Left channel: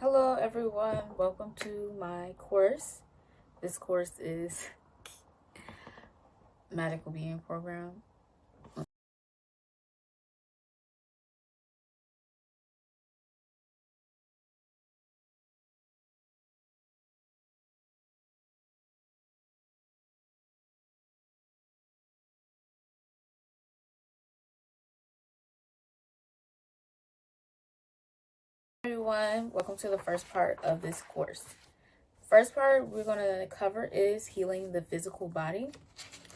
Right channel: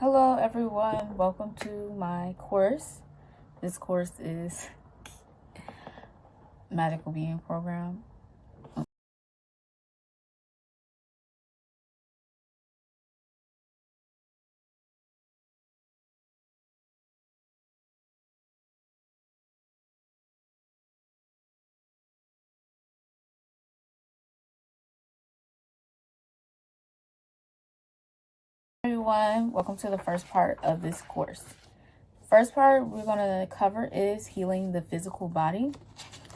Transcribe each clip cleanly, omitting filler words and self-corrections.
Hello everyone, welcome to my course. This course is Magical Being Program. Everyone, welcome to the first part of this course. First part we're going to cover is healing the physical body.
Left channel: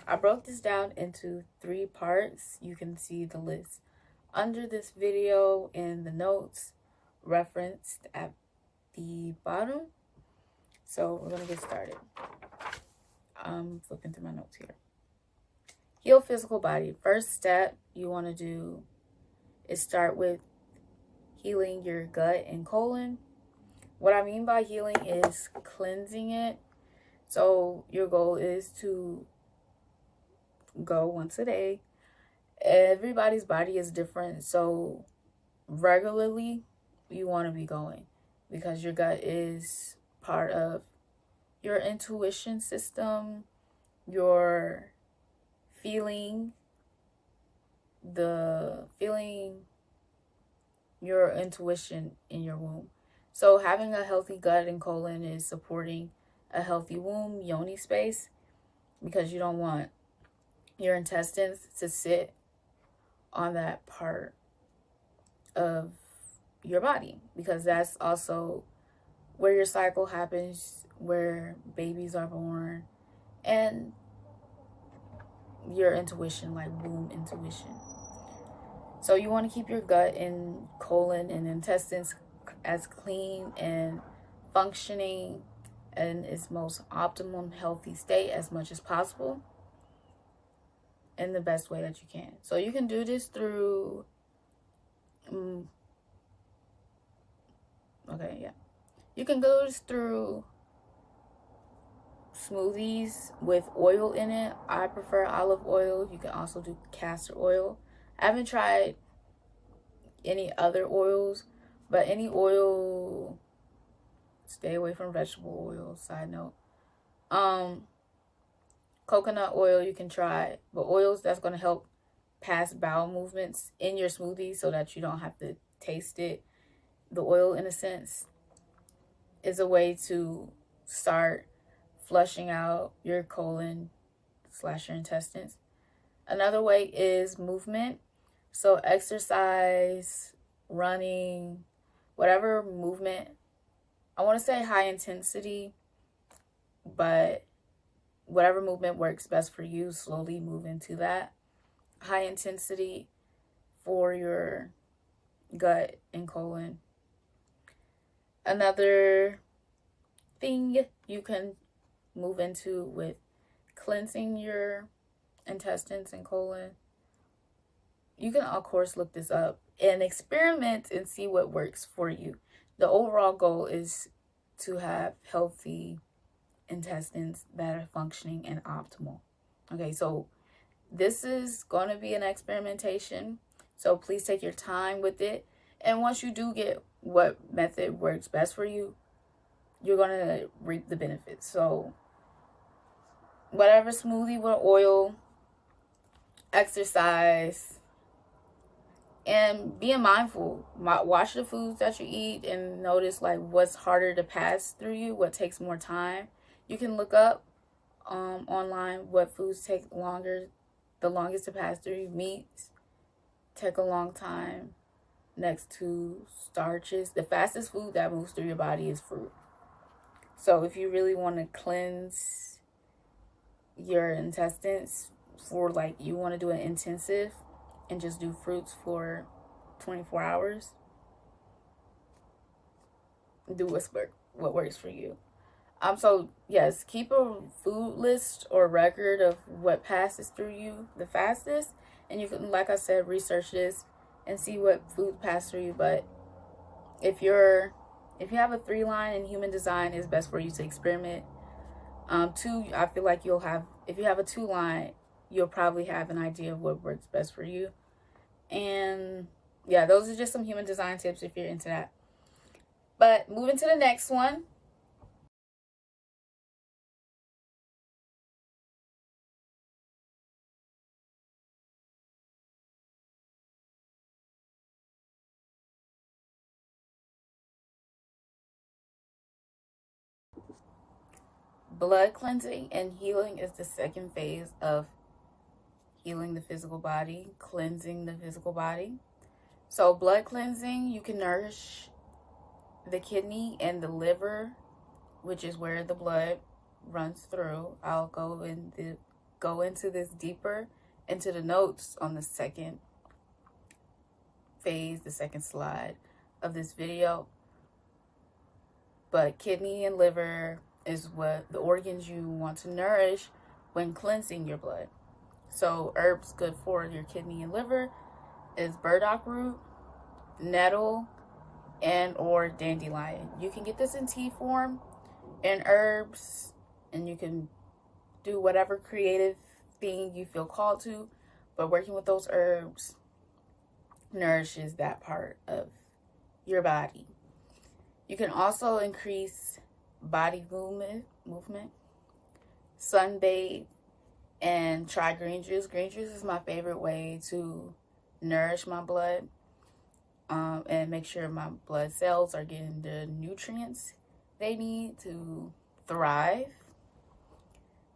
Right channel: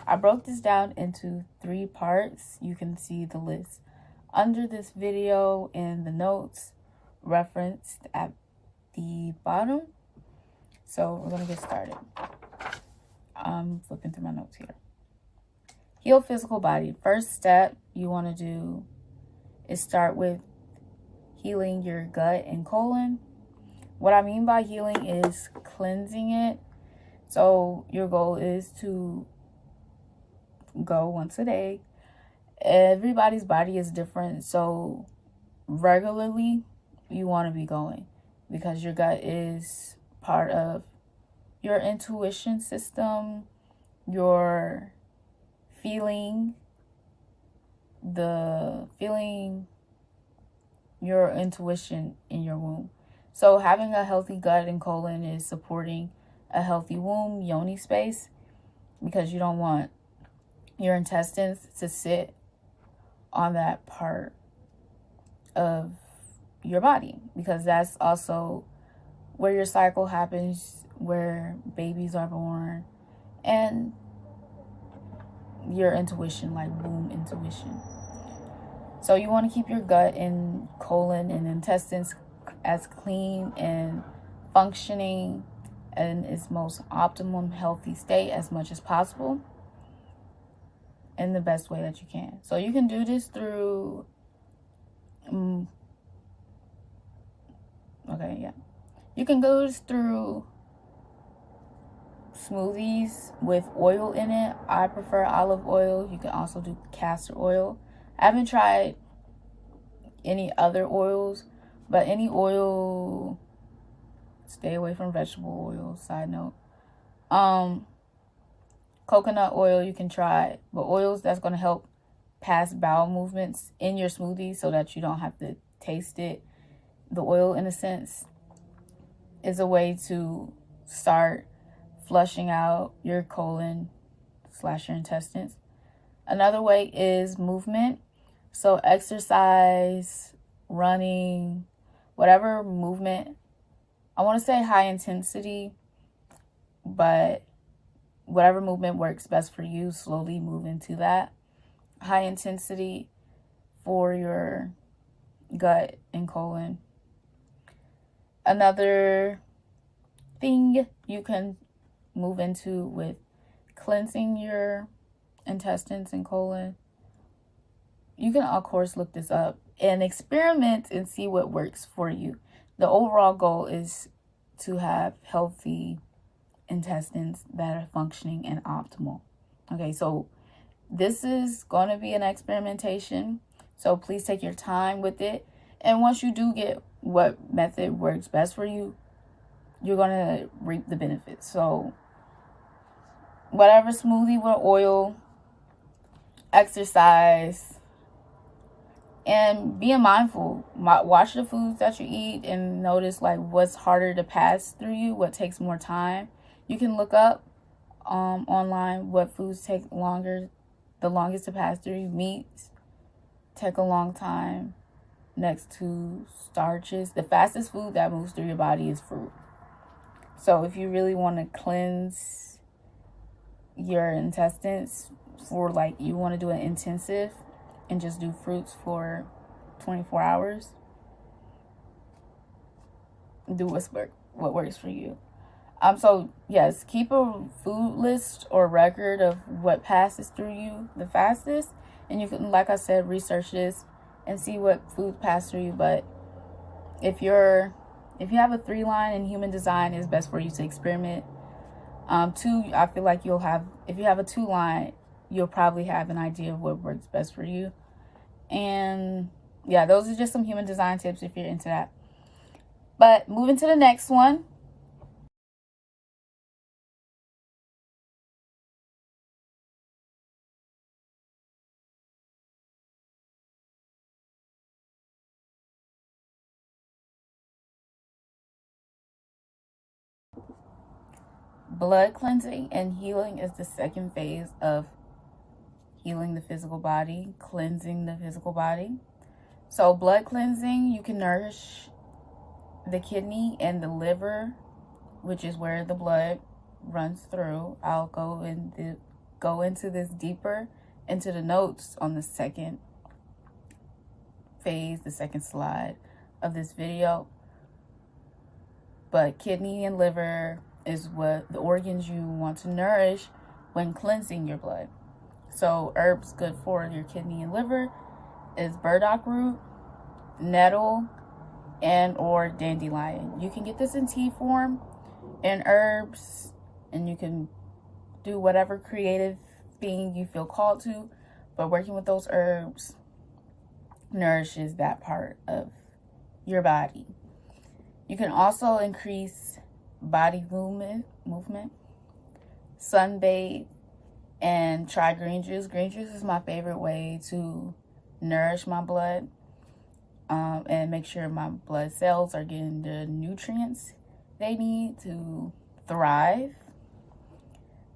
I broke this down into 3 parts. You can see the list under this video in the notes referenced at the bottom. So we're going to get started. I'm flipping through my notes here. Heal physical body. First step you want to do is start with healing your gut and colon. What I mean by healing is cleansing it. So your goal is to go once a day. Everybody's body is different, so regularly you want to be going because your gut is part of your intuition system, your feeling your intuition in your womb. So having a healthy gut and colon is supporting a healthy womb, yoni space, because you don't want your intestines to sit on that part of your body, because that's also where your cycle happens, where babies are born, and your intuition, like womb intuition. So you want to keep your gut and colon and intestines as clean and functioning in its most optimum healthy state as much as possible in the best way that you can. So you can do this through you can go through smoothies with oil in it. I prefer olive oil. You can also do castor oil. I haven't tried any other oils, but any oil, stay away from vegetable oil, side note. Coconut oil you can try, but oils that's going to help pass bowel movements in your smoothie so that you don't have to taste it. The oil, in a sense, is a way to start flushing out your colon / your intestines. Another way is movement. So exercise, running, whatever movement. I want to say high intensity, but whatever movement works best for you, slowly move into that. High intensity for your gut and colon. Another thing you can move into with cleansing your intestines and colon, you can of course look this up and experiment and see what works for you. The overall goal is to have healthy intestines that are functioning and optimal. Okay, so this is going to be an experimentation, so please take your time with it. And once you do get what method works best for you, you're going to reap the benefits. So whatever smoothie with oil, exercise, and being mindful. Watch the foods that you eat and notice like what's harder to pass through you, what takes more time. You can look up online what foods take the longest to pass through you. Meats take a long time next to starches. The fastest food that moves through your body is fruit. So if you really want to cleanse your intestines for like you want to do an intensive and just do fruits for 24 hours, do what works for you. So yes, keep a food list or record of what passes through you the fastest, and you can, like I said, research this and see what foods pass through you. But if you have a 3-line in human design, it's best for you to experiment. 2, I feel like if you have a 2-line, you'll probably have an idea of what works best for you. And yeah, those are just some human design tips if you're into that. But moving to the next one. Blood cleansing and healing is the second phase of healing the physical body, cleansing the physical body. So blood cleansing, you can nourish the kidney and the liver, which is where the blood runs through. I'll go into this deeper into the notes on the second phase, the second slide of this video. But kidney and liver is what the organs you want to nourish when cleansing your blood. So herbs good for your kidney and liver is burdock root, nettle, and or dandelion. You can get this in tea form and herbs, and you can do whatever creative thing you feel called to, but working with those herbs nourishes that part of your body. You can also increase body movement, sunbathe, and try green juice. Green juice is my favorite way to nourish my blood and make sure my blood cells are getting the nutrients they need to thrive,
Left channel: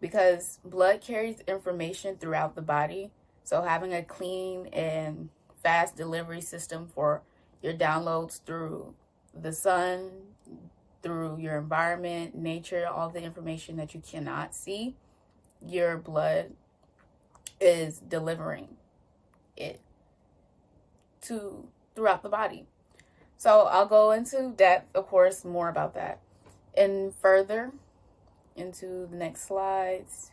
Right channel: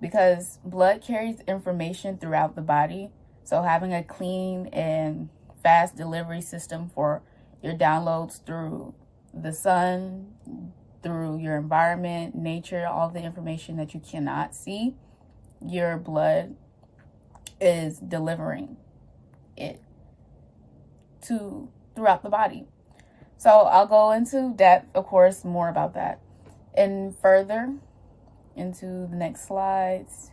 because blood carries information throughout the body. So having a clean and fast delivery system for your downloads through the sun, through your environment, nature, all the information that you cannot see, your blood is delivering it to throughout the body. So I'll go into depth, of course, more about that and further into the next slides.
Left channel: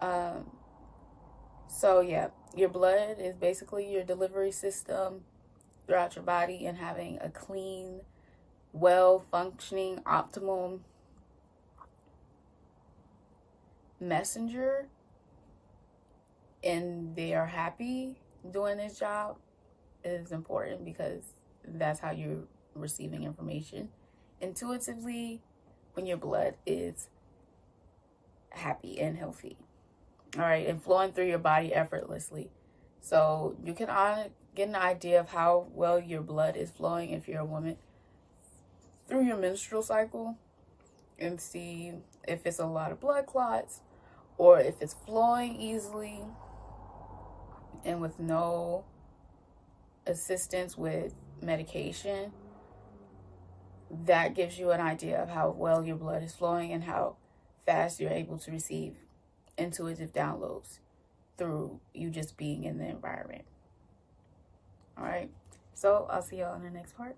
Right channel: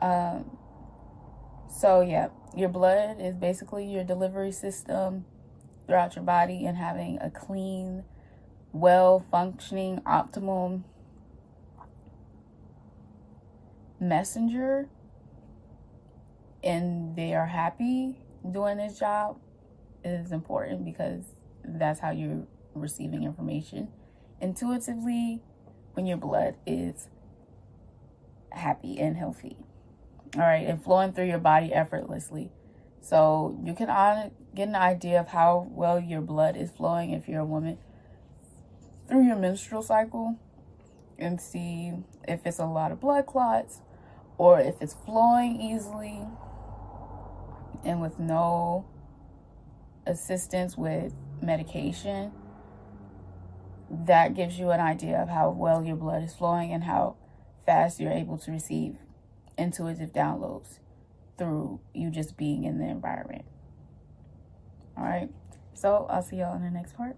So yeah, your blood is basically your delivery system throughout your body, and having a clean, well-functioning, optimal messenger, and they are happy doing this job, is important, because that's how you're receiving information intuitively when your blood is happy and healthy. All right, and flowing through your body effortlessly. So you can get an idea of how well your blood is flowing if you're a woman through your menstrual cycle, and see if it's a lot of blood clots or if it's flowing easily and with no assistance with medication. That gives you an idea of how well your blood is flowing and how fast you're able to receive intuitive downloads through you just being in the environment. All right, so I'll see y'all in the next part.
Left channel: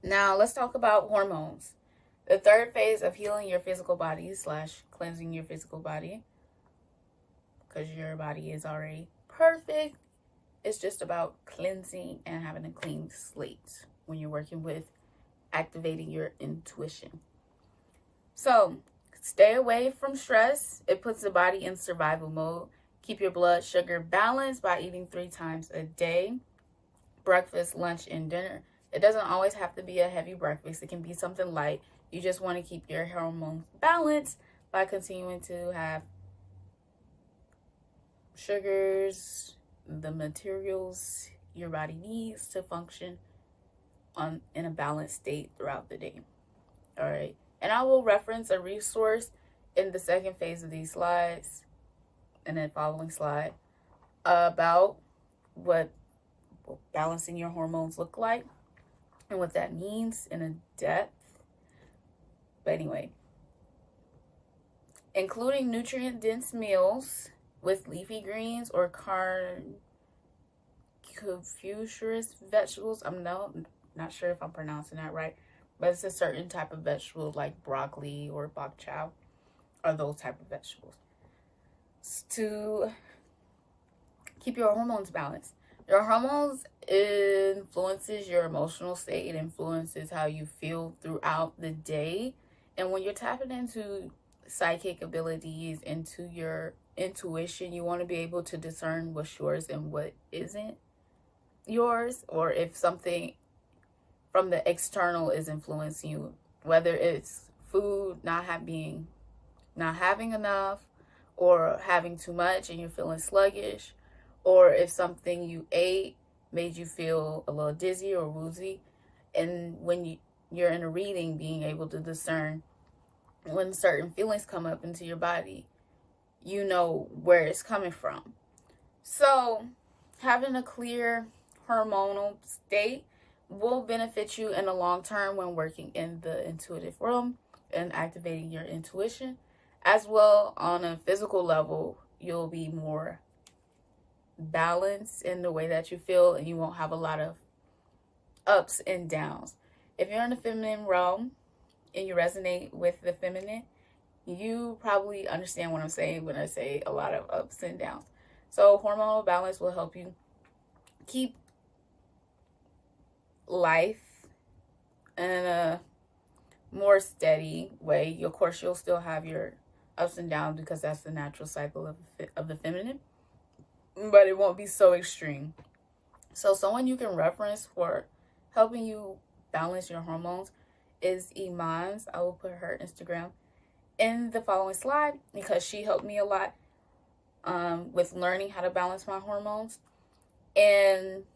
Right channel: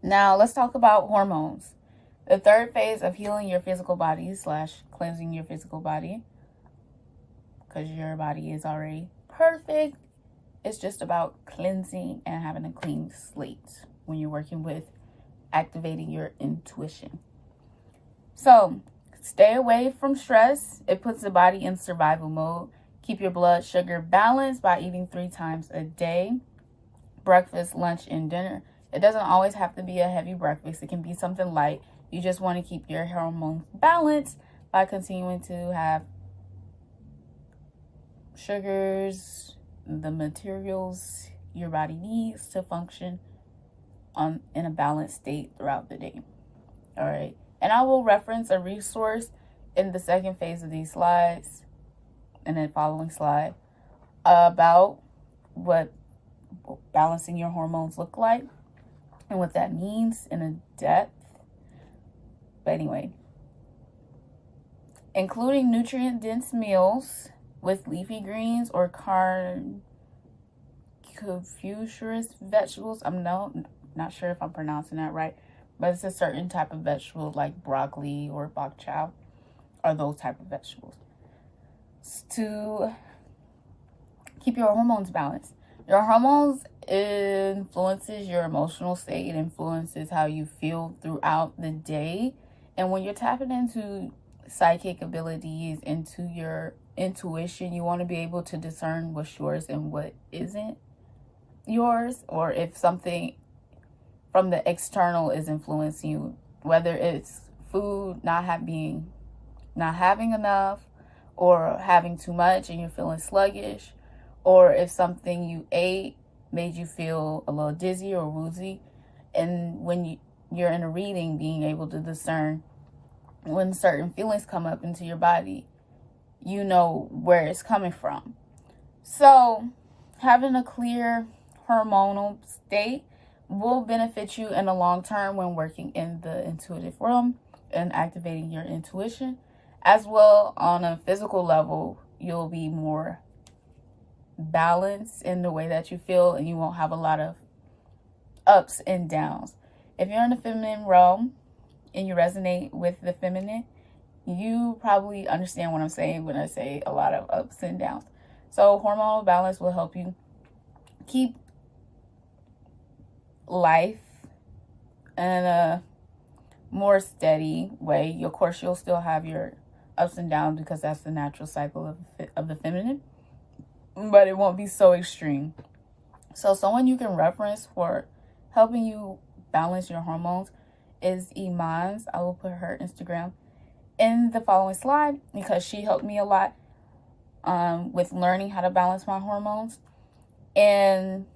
Now let's talk about hormones. The third phase of healing your physical body / cleansing your physical body, because your body is already perfect. It's just about cleansing and having a clean slate when you're working with activating your intuition. So stay away from stress. It puts the body in survival mode. Keep your blood sugar balanced by eating 3 times a day: breakfast, lunch, and dinner. It doesn't always have to be a heavy breakfast. It can be something light. You just want to keep your hormones balanced by continuing to have sugars, the materials your body needs to function in a balanced state throughout the day. All right. And I will reference a resource in the second phase of these slides and the following slide about what balancing your hormones look like and what that means in a depth. But anyway, including nutrient-dense meals with leafy greens or carnivorous vegetables. I'm not sure if I'm pronouncing that right, but it's a certain type of vegetable like broccoli or bok chow, or those type of vegetables, to keep your hormones balanced. Your hormones influences your emotional state. It influences how you feel throughout the day. And when you're tapping into psychic abilities, into your intuition, you want to be able to discern what's yours and what isn't yours, or if something from the external is influencing you, whether it's food, not having enough, or having too much and you're feeling sluggish, or if something you ate made you feel a little dizzy or woozy. And when you're in a reading, being able to discern when certain feelings come up into your body, you know where it's coming from. So having a clear hormonal state will benefit you in the long term when working in the intuitive realm and activating your intuition. As well, on a physical level, you'll be more balanced in the way that you feel, and you won't have a lot of ups and downs. If you're in the feminine realm and you resonate with the feminine, you probably understand what I'm saying when I say a lot of ups and downs. So hormonal balance will help you keep life in a more steady way. Of course, you'll still have your ups and downs because that's the natural cycle of the feminine, but it won't be so extreme. So someone you can reference for helping you balance your hormones is Iman's. I will put her Instagram in the following slide because she helped me a lot with learning how to balance my hormones. And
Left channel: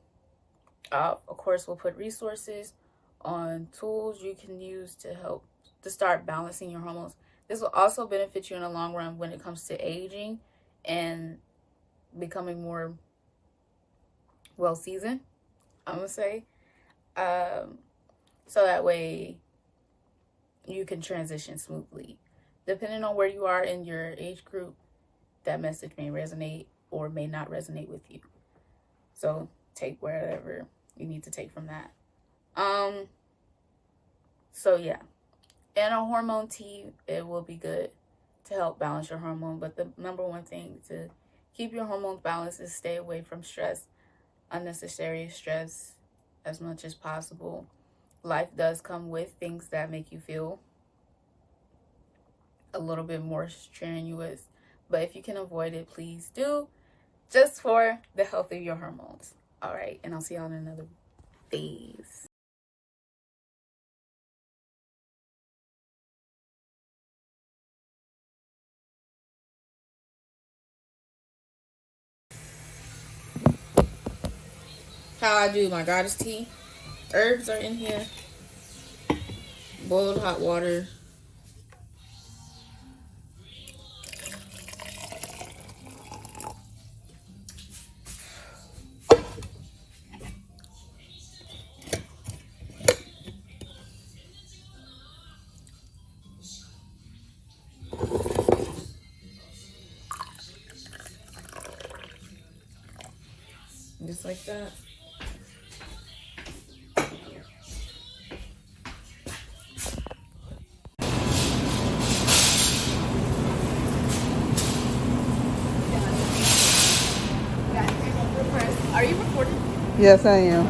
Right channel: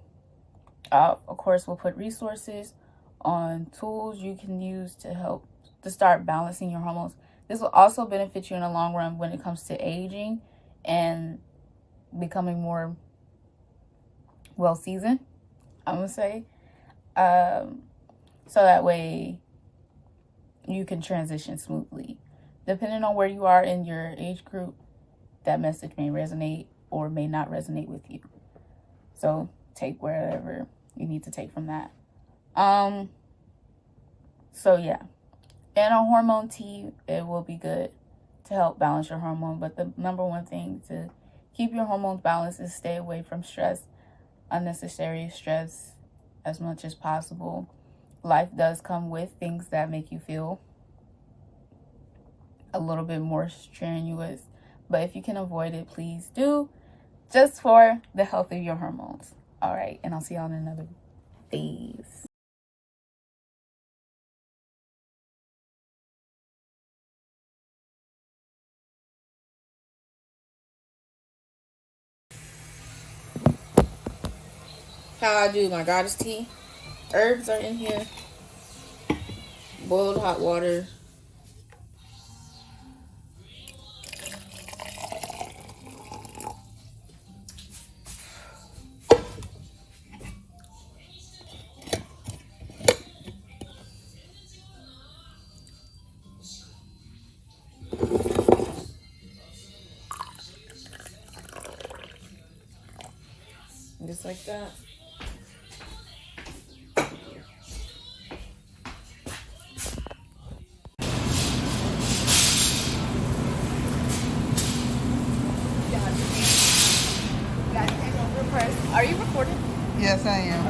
of course, we'll put resources on tools you can use to help to start balancing your hormones. This will also benefit you in the long run when it comes to aging and becoming more well-seasoned, I'm going to say. So that way you can transition smoothly. Depending on where you are in your age group, that message may resonate or may not resonate with you. So take wherever you need to take from that. So yeah, and a hormone tea, it will be good to help balance your hormone. But the number one thing to keep your hormones balanced is stay away from stress, unnecessary stress, as much as possible. Life does come with things that make you feel a little bit more strenuous, but if you can avoid it, please do, just for the health of your hormones. All right, and I'll see y'all in another phase. How I do my goddess tea. Herbs are in here. Boiled hot water. Just like that. Are you recording? Yes, I am.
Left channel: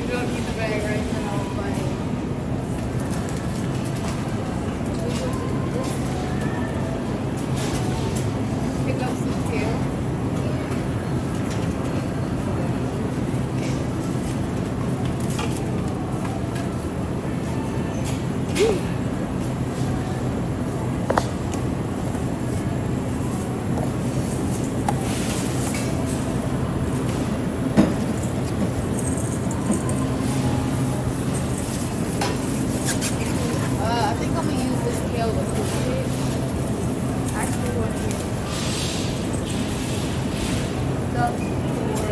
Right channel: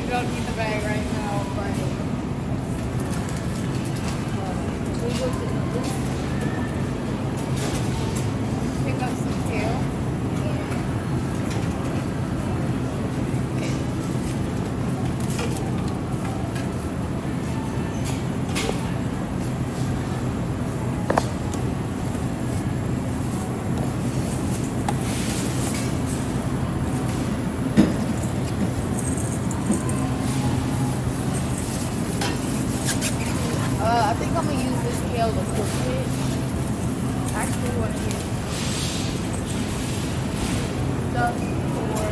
You don't need the bag right now, but pick up some tail. I think I'm gonna use this tail to cook it. Actually, want to use stuff for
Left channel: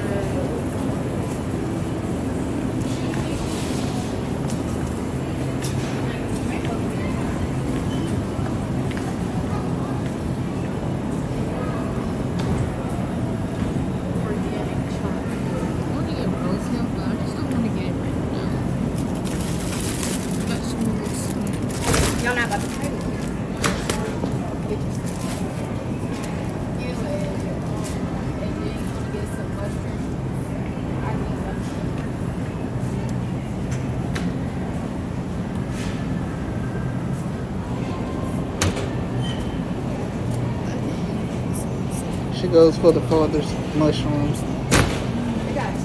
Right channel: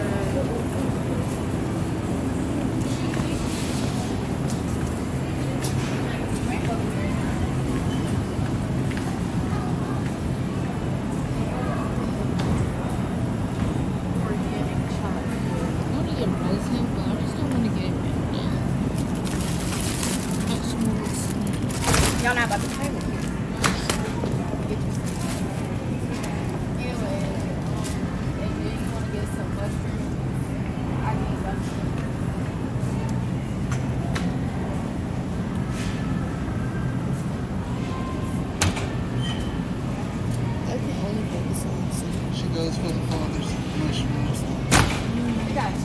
organic chocolate. I want to get rose hemp, but I just don't want to get it right now. That smells. Y'all not about to try it. goes for the father's mushrooms. You got it.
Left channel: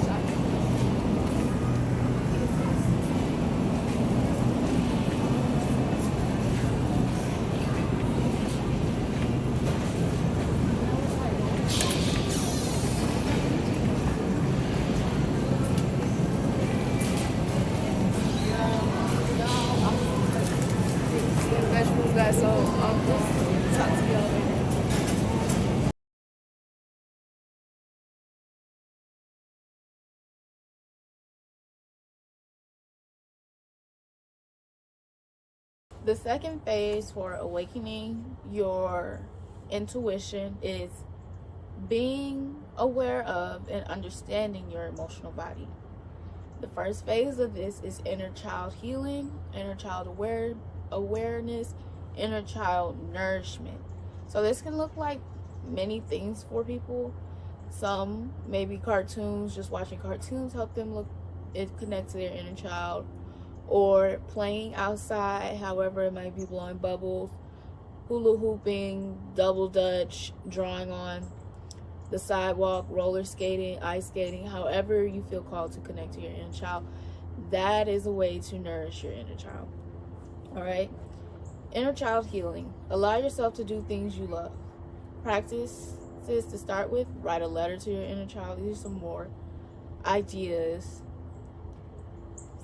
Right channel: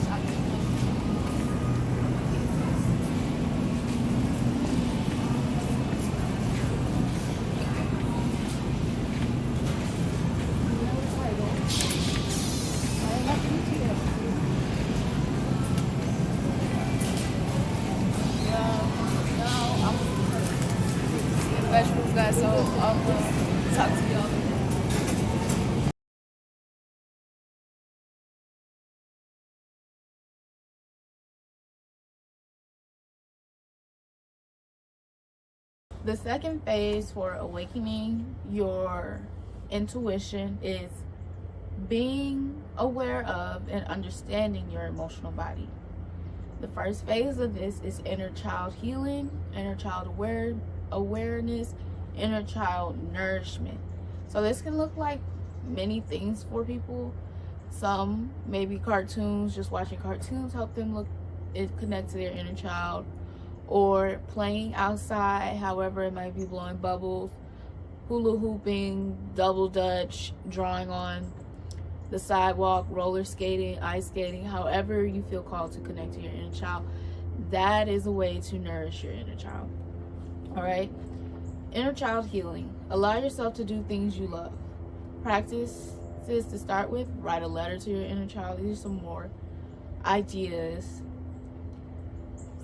Vegetables, guys, so I'll just talk to y'all later. The second phase for awakening your intuition is being aware of and understanding your emotional body. The first phase of this is inner child healing, inner child awareness, inner child nourishment. So this can look like many things for people. Some maybe cartoons, just watching cartoons help them connect to their inner child, or playing outside, however it might be, blowing bubbles, hula hooping, double dutch, drawing on the sidewalk, roller skating, ice skating, however you feel called to connect to your inner child. That is a way to nourish your inner child. All right. Inner child healing. Allow yourself to do things you love. Practice this to start with. Write a letter to your inner child. These are some more ideas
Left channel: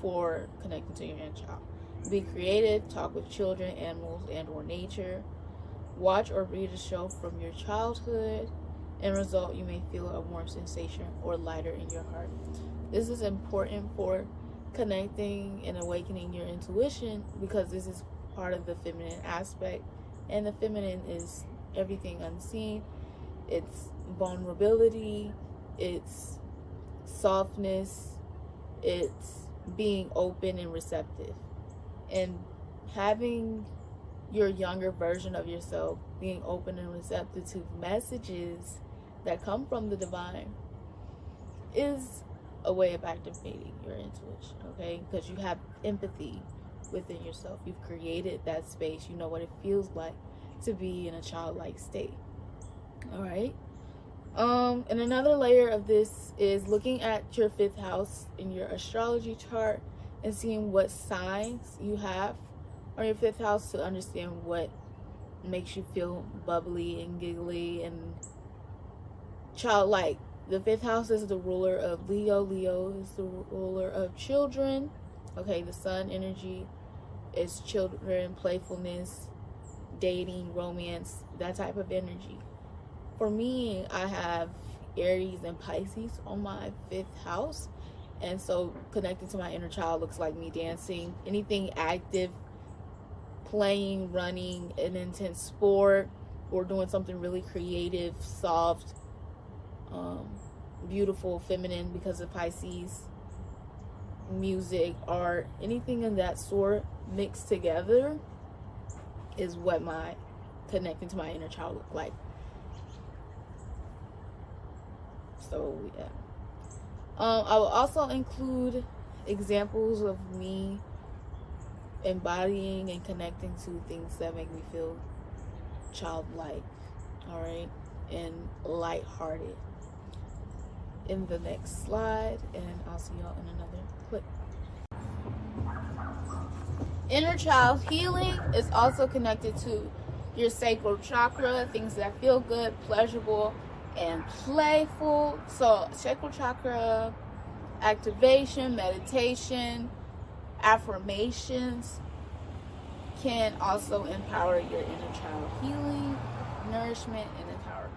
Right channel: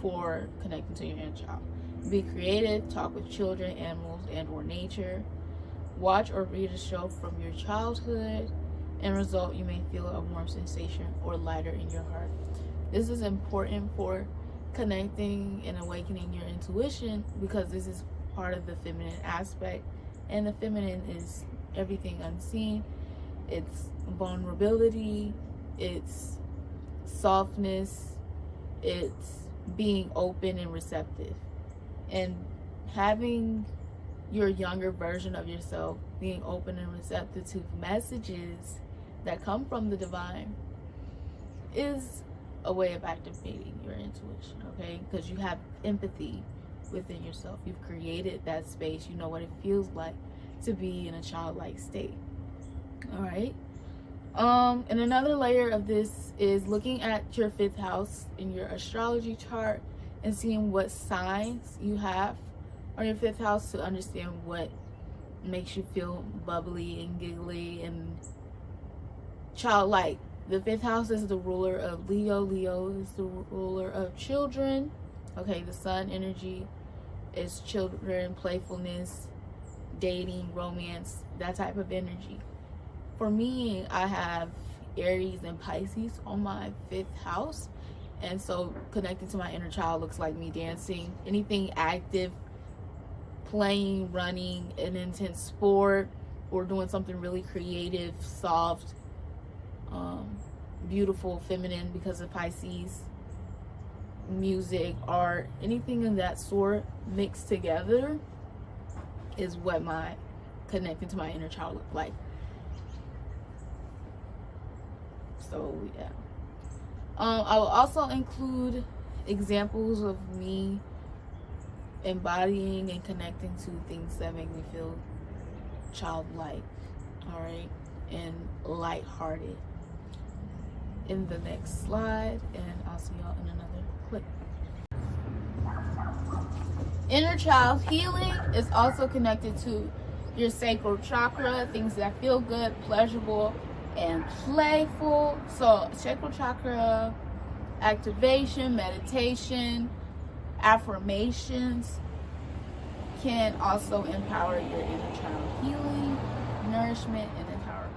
for connecting to your inner child. Be creative. Talk with children, animals, and or nature. Watch or read a show from your childhood. End result, you may feel a warm sensation or lighter in your heart. This is important for connecting and awakening your intuition, because this is part of the feminine aspect, and the feminine is everything unseen. It's vulnerability, it's softness, it's being open and receptive, and having your younger version of yourself being open and receptive to messages that come from the divine is a way of activating your intuition, okay? Because you have empathy within yourself. You've created that space. You know what it feels like to be in a childlike state. All right. And another layer of this is looking at your 5th house in your astrology chart and seeing what signs you have on your 5th house to understand what makes you feel bubbly and giggly and childlike. The 5th house is the ruler of Leo. Leo is the ruler of children. Okay, the sun energy is children, playfulness, dating, romance, that type of energy. For me, I have Aries and Pisces on my 5th house. And so connecting to my inner child looks like me dancing, anything active, playing, running, an intense sport, or doing something really creative, soft, beautiful, feminine, because of Pisces. Music, art, anything of that sort mixed together is what my connecting to my inner child look like. So yeah, I will also include examples of me embodying and connecting to things that make me feel childlike, all right, and lighthearted in the next slide, and I'll see y'all in another clip. Inner child healing is also connected to your sacral chakra, things that feel good, pleasurable, and playful. So sacral chakra activation, meditation, affirmations can also empower your inner child healing, nourishment, and empowerment.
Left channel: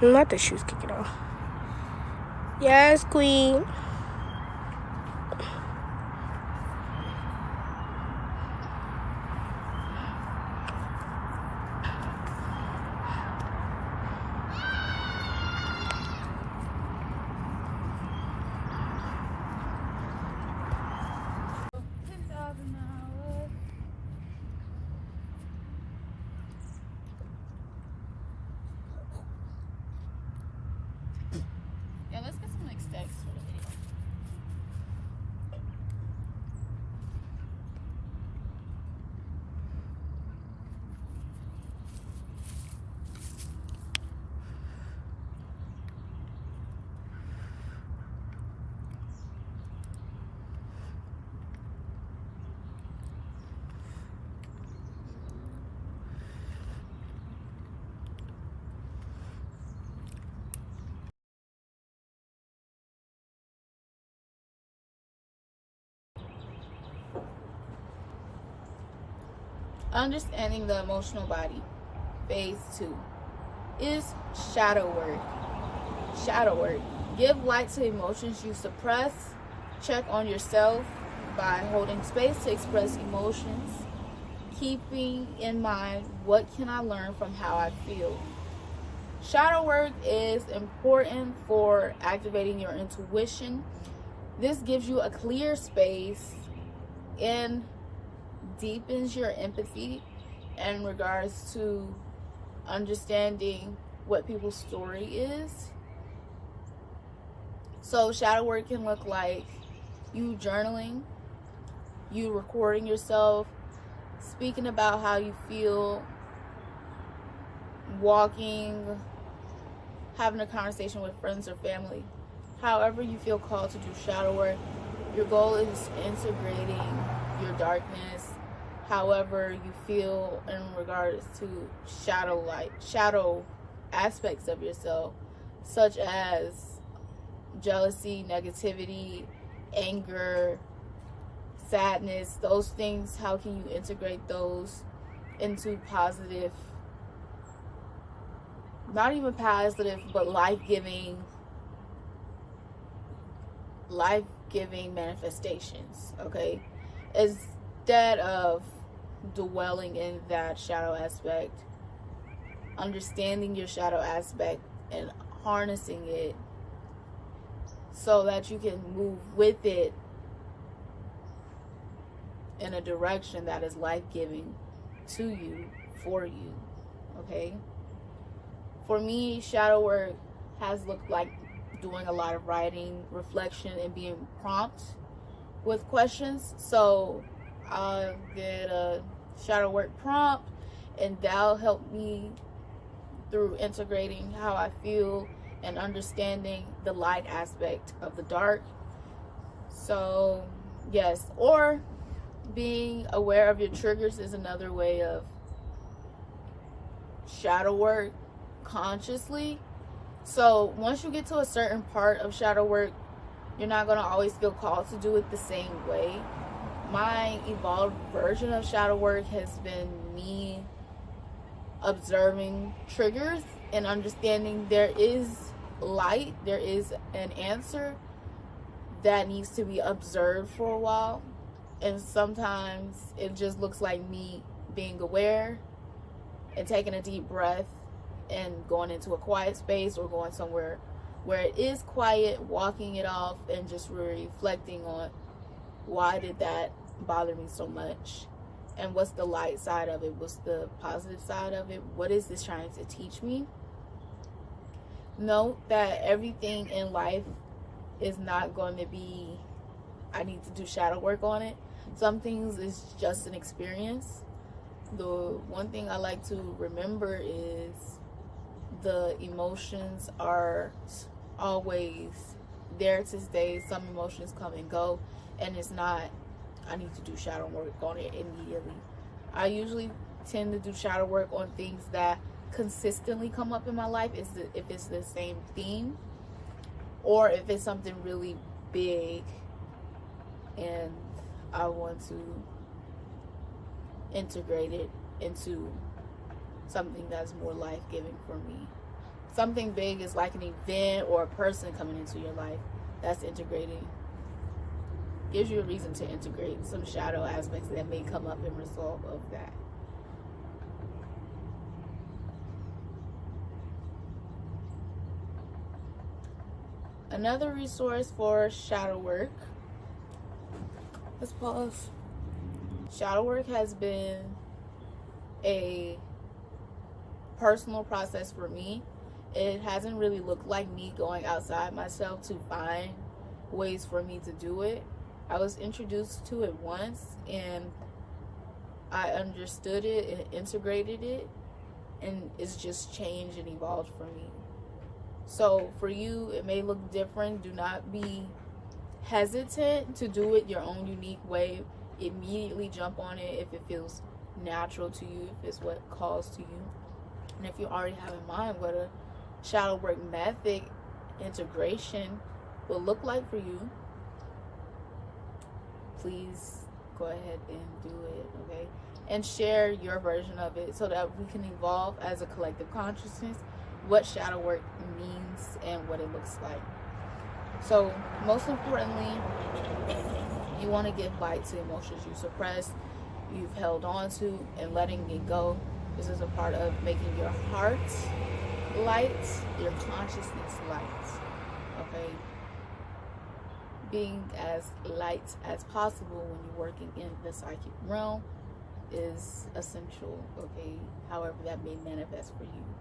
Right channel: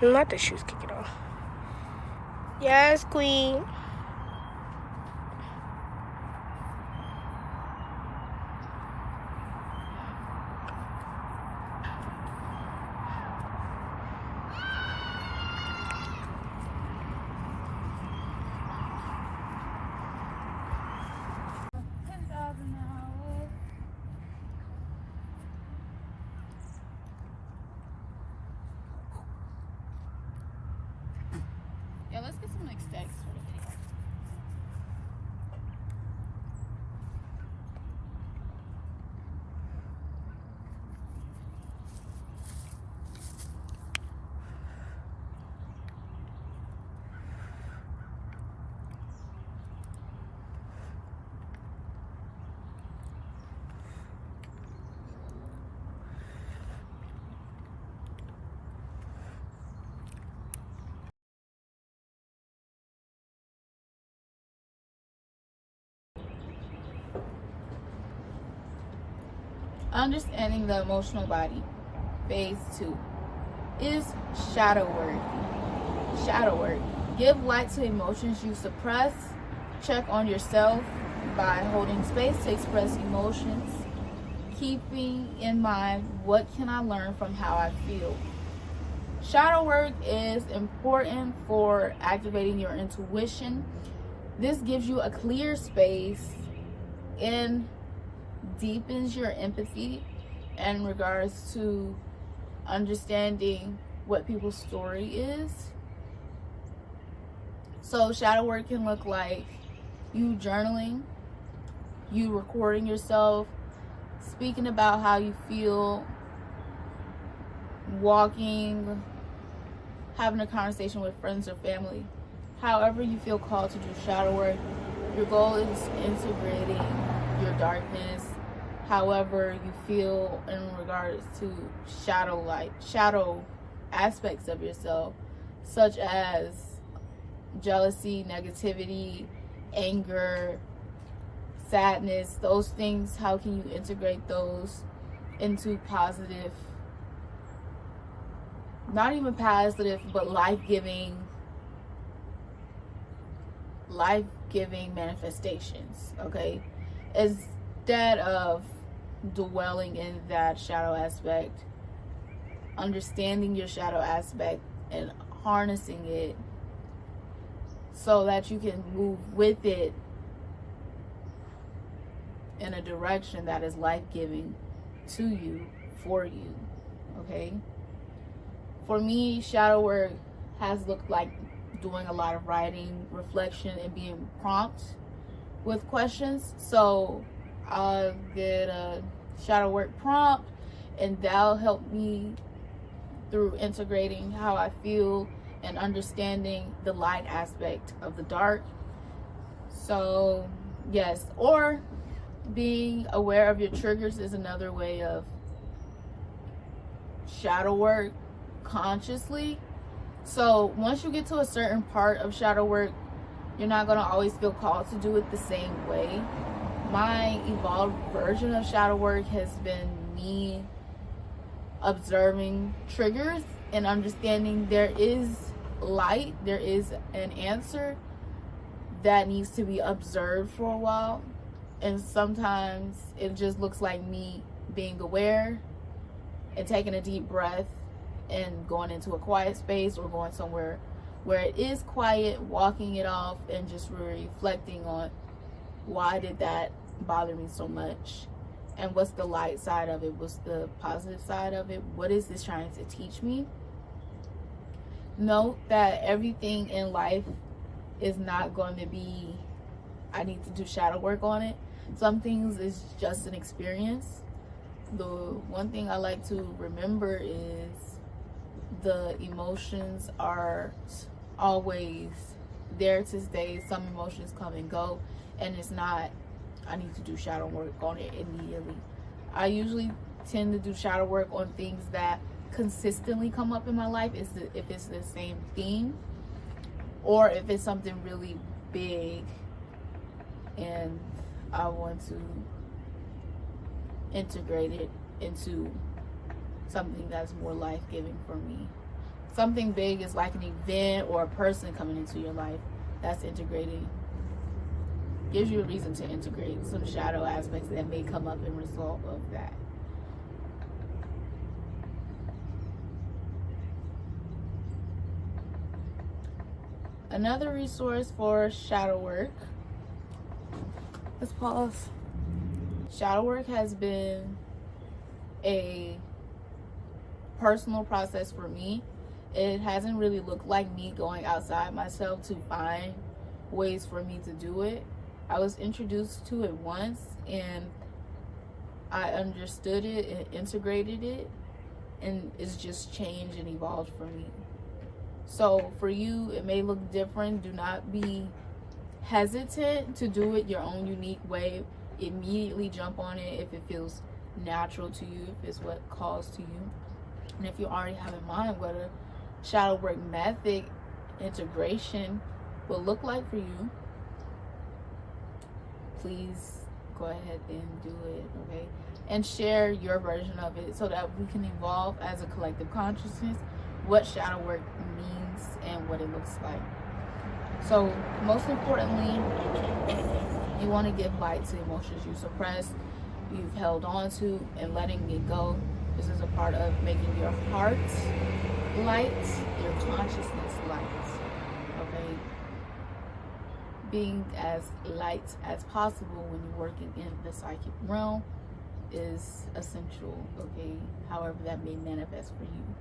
Not the shoes, kick it off. Yes, queen. Yeah, let's get some like stacks for the video. Understanding the emotional body. Phase 2 is shadow work. Shadow work. Give light to emotions you suppress. Check on yourself by holding space to express emotions. Keeping in mind, what can I learn from how I feel? Shadow work is important for activating your intuition. This gives you a clear space and deepens your empathy in regards to understanding what people's story is. So shadow work can look like you journaling, you recording yourself, speaking about how you feel, walking, having a conversation with friends or family. However you feel called to do shadow work, your goal is integrating your darkness, however you feel in regards to shadow aspects of yourself, such as jealousy, negativity, anger, sadness, those things. How can you integrate those into positive, not even positive, but life-giving manifestations, okay? Instead of dwelling in that shadow aspect, understanding your shadow aspect and harnessing it so that you can move with it in a direction that is life-giving to you, for you, okay? For me, shadow work has looked like doing a lot of writing, reflection, and being prompt with questions. So I'll get a shadow work prompt, and that'll help me through integrating how I feel and understanding the light aspect of the dark. So yes, or being aware of your triggers is another way of shadow work consciously. So once you get to a certain part of shadow work, you're not going to always feel called to do it the same way. My evolved version of shadow work has been me observing triggers and understanding there is light, there is an answer that needs to be observed for a while. And sometimes it just looks like me being aware and taking a deep breath and going into a quiet space, or going somewhere where it is quiet, walking it off, and just reflecting on why did that bother me so much, and what's the light side of it, what's the positive side of it, what is this trying to teach me. Note that everything in life is not going to be, I need to do shadow work on it. Some things is just an experience. The one thing I like to remember is the emotions are always there to stay. Some emotions come and go, and it's not, I need to do shadow work on it immediately. I usually tend to do shadow work on things that consistently come up in my life, if it's the same theme, or if it's something really big and I want to integrate it into something that's more life-giving for me. Something big is like an event or a person coming into your life. That's integrating. Gives you a reason to integrate some shadow aspects that may come up in result of that. Another resource for shadow work. Let's pause. Shadow work has been a personal process for me. It hasn't really looked like me going outside myself to find ways for me to do it. I was introduced to it once and I understood it and integrated it, and it's just changed and evolved for me. So for you, it may look different. Do not be hesitant to do it your own unique way. Immediately jump on it if it feels natural to you, if it's what calls to you. And if you already have in mind what a shadow work method integration will look like for you, please go ahead and do it, okay? and share your version of it so that we can evolve as a collective consciousness what shadow work means and what it looks like. So most importantly, you want to give light to emotions you suppress, you've held on to, and letting it go. This is a part of making your heart light, your consciousness light. Okay, being as light as possible when you're working in the psychic realm is essential. Okay, however that may manifest for you,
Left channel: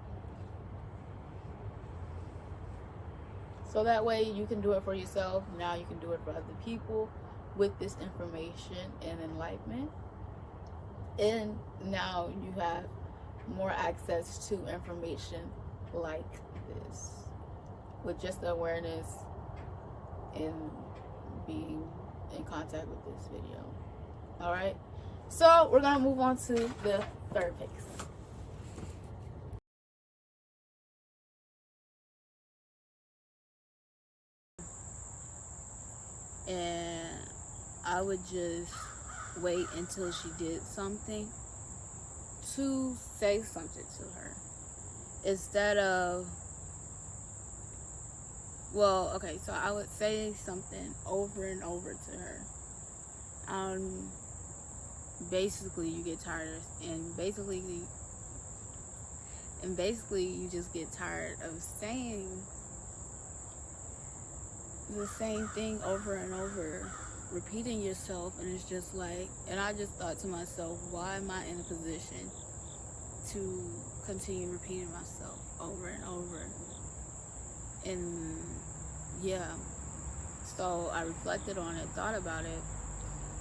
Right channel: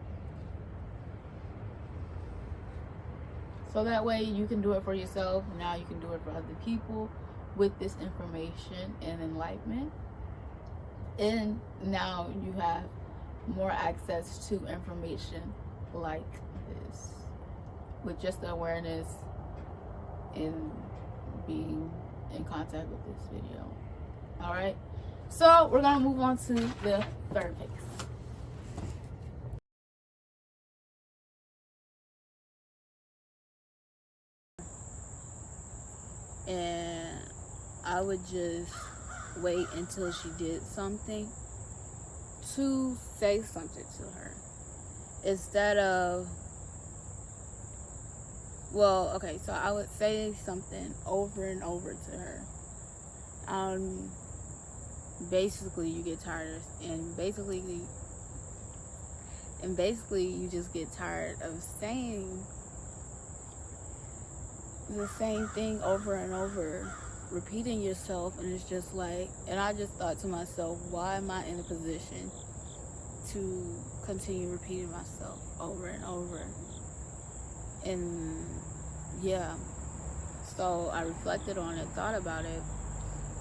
so that way you can do it for yourself. Now you can do it for other people with this information and enlightenment, and now you have more access to information like this with just the awareness and being in contact with this video. All right, so we're gonna move on to the third phase. And I would just wait until she did something to say something to her, instead of, well, okay, so I would say something over and over to her. Basically you get tired, and basically you just get tired of saying the same thing over and over, repeating yourself. And it's just like, and I just thought to myself, why am I in a position to continue repeating myself over and over? And yeah, so I reflected on it, thought about it,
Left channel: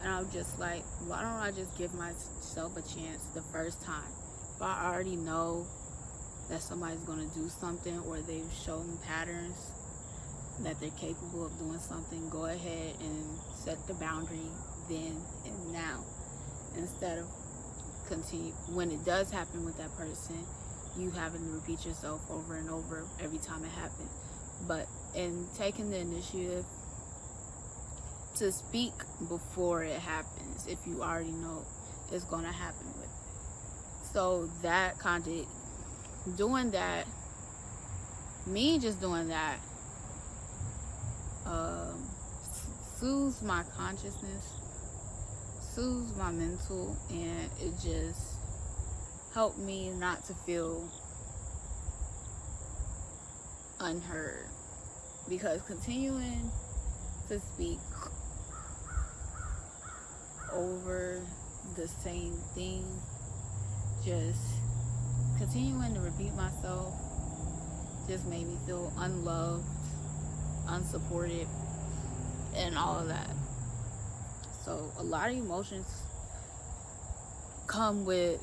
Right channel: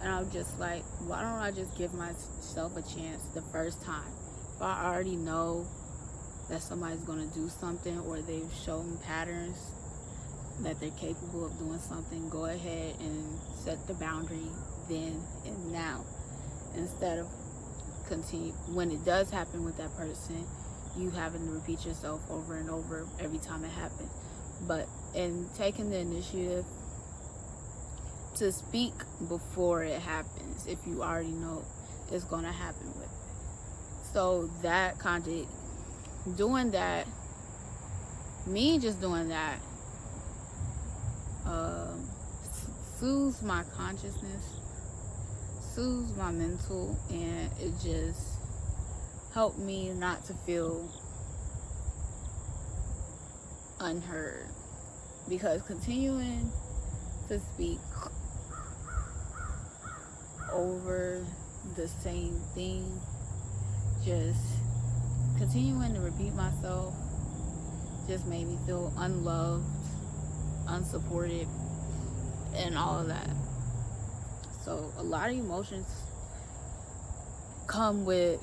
and I was just like, why don't I just give myself a chance the first time? If I already know that somebody's going to do something, or they've shown patterns that they're capable of doing something, go ahead and set the boundary then and now, instead of continue when it does happen with that person, you having to repeat yourself over and over every time it happens. But in taking the initiative to speak before it happens, if you already know it's going to happen with it. So that kind of doing that, me just doing that, soothes my consciousness, soothes my mental, and it just helped me not to feel unheard. Because continuing to speak over the same thing, just continuing to repeat myself, just made me feel unloved, unsupported, and all of that. So a lot of emotions come with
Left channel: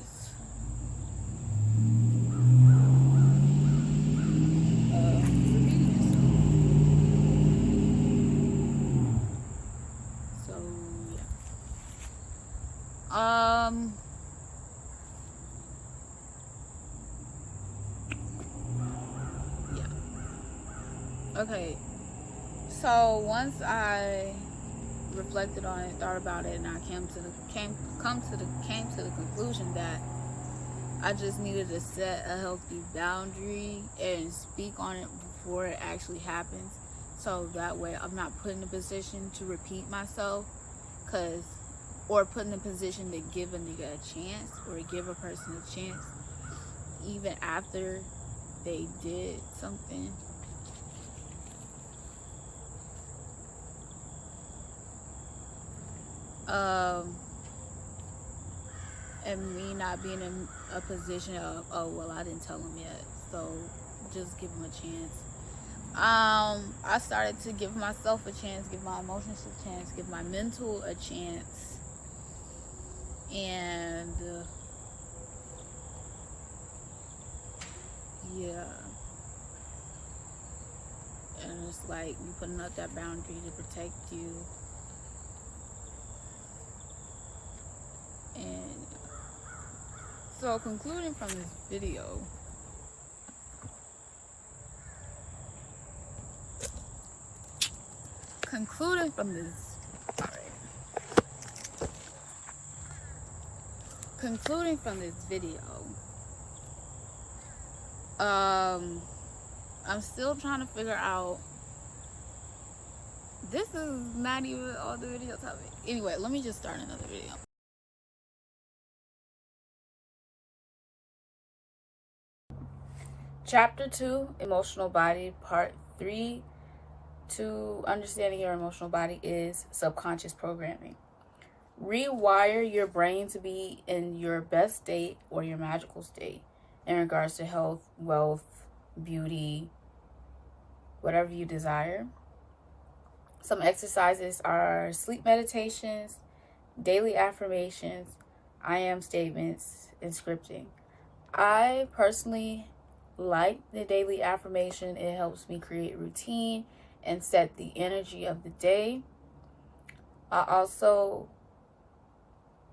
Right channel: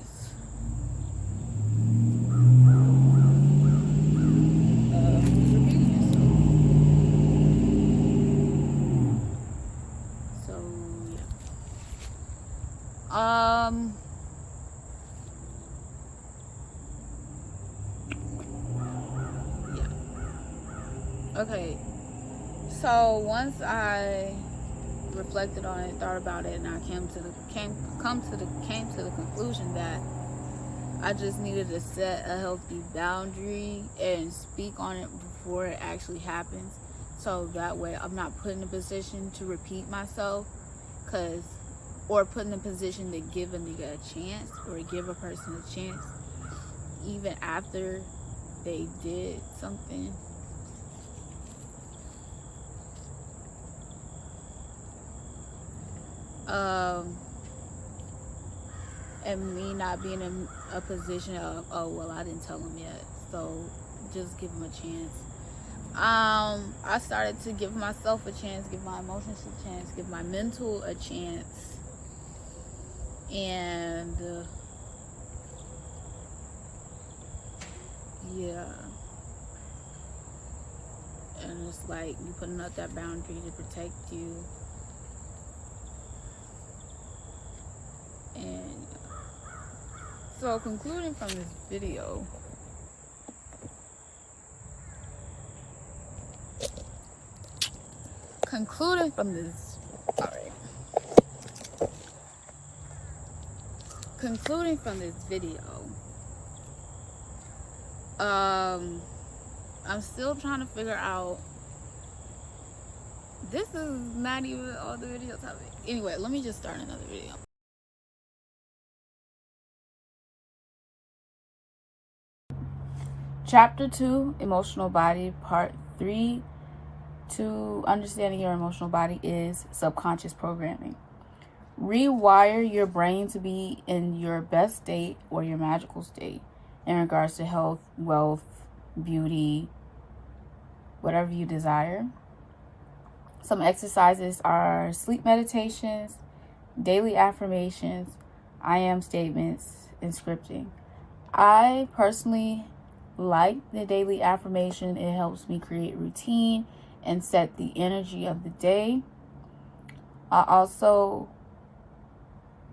repeating yourself. So yeah. Yeah. Okay. So once I reflected on it, thought about it, and I came to the conclusion that I just needed to set a healthy boundary and speak on it before it actually happens, so that way I'm not put in a position to repeat myself, or put in a position to give a nigga a chance, or give a person a chance even after they did something. And me not being in a position of, oh well, I didn't tell him yet, so just give him a chance. I started to give myself a chance, give my emotions a chance, give my mental a chance, and yeah, and it's like you putting up that boundary to protect you. And so concluding from this video, concluding from this video, I'm still trying to figure out, this is not even all the video topic. Anyway, let me just start another video. Chapter 2, Emotional Body, Part 3, to understanding your emotional body, is subconscious programming. Rewire your brain to be in your best state or your magical state in regards to health, wealth, beauty, whatever you desire. Some exercises are sleep meditations, daily affirmations, I am statements, and scripting. I personally like the daily affirmation. It helps me create routine and set the energy of the day. I also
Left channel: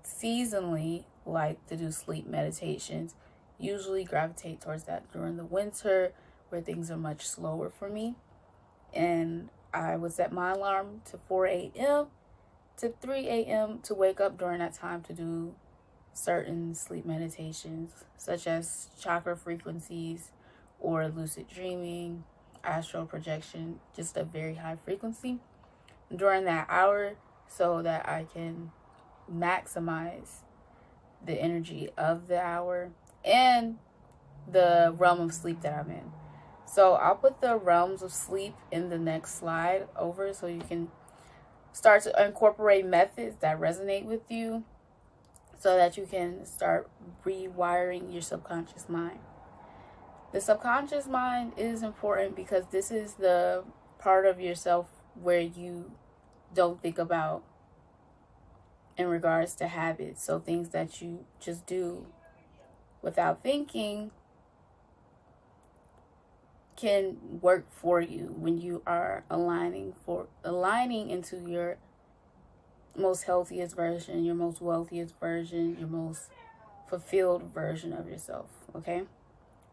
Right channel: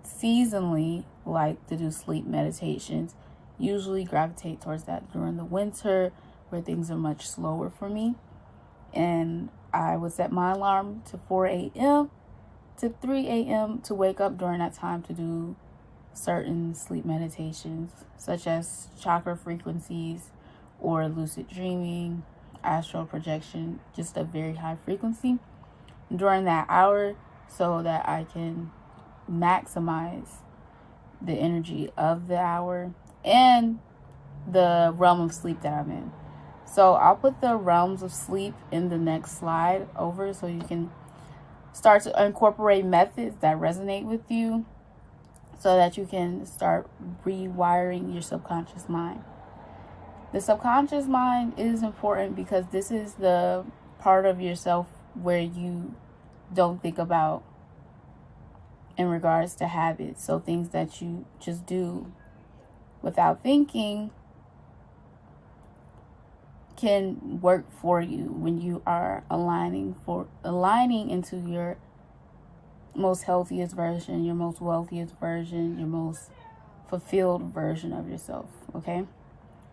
seasonally like to do sleep meditations. Usually gravitate towards that during the winter where things are much slower for me. And I would set my alarm to 4 a.m. to 3 a.m. to wake up during that time to do certain sleep meditations, such as chakra frequencies or lucid dreaming, astral projection, just a very high frequency during that hour so that I can maximize the energy of the hour and the realm of sleep that I'm in. So I'll put the realms of sleep in the next slide over so you can start to incorporate methods that resonate with you so that you can start rewiring your subconscious mind. The subconscious mind is important because this is the part of yourself where you don't think about in regards to habits. So things that you just do without thinking can work for you when you are aligning into your most healthiest version, your most wealthiest version, your most fulfilled version of yourself. Okay,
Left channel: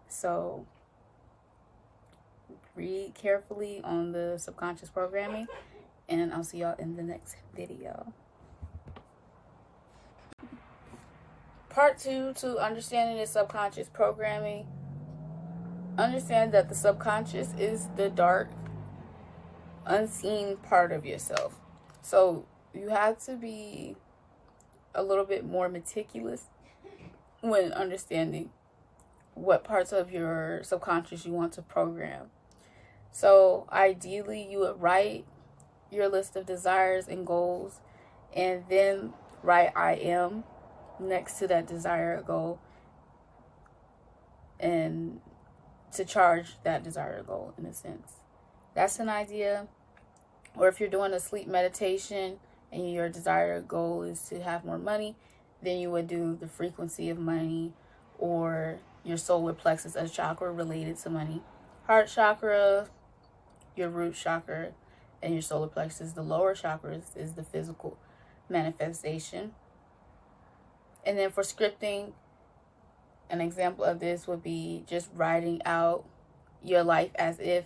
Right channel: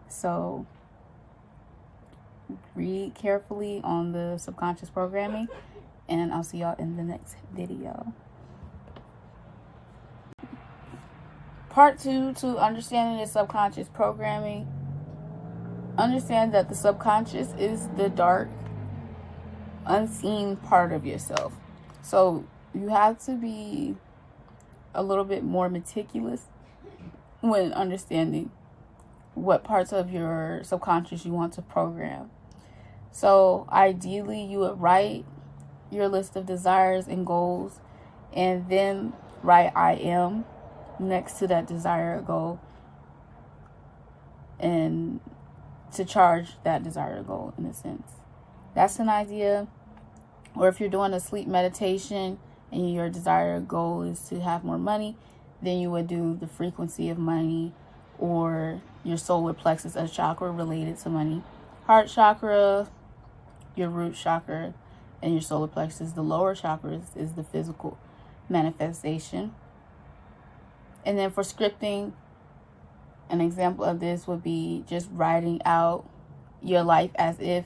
so read carefully on the subconscious programming, and I'll see y'all in the next video. Part 2, to understanding the subconscious programming. Understand that the subconscious is the dark, unseen part of yourself. So you have to be a little bit more meticulous when understanding what parts of your subconscious you want to program. So ideally, you would write your list of desires and goals, and then write I am next to that desired goal, and to charge that desired goal in a sense. That's an idea. Or if you're doing a sleep meditation and your desired goal is to have more money, then you would do the frequency of money or your solar plexus, a chakra related to money. Heart chakra, your root chakra, and your solar plexus, the lower chakras, is the physical manifestation. And then for scripting, an example of this would be just writing out your life as if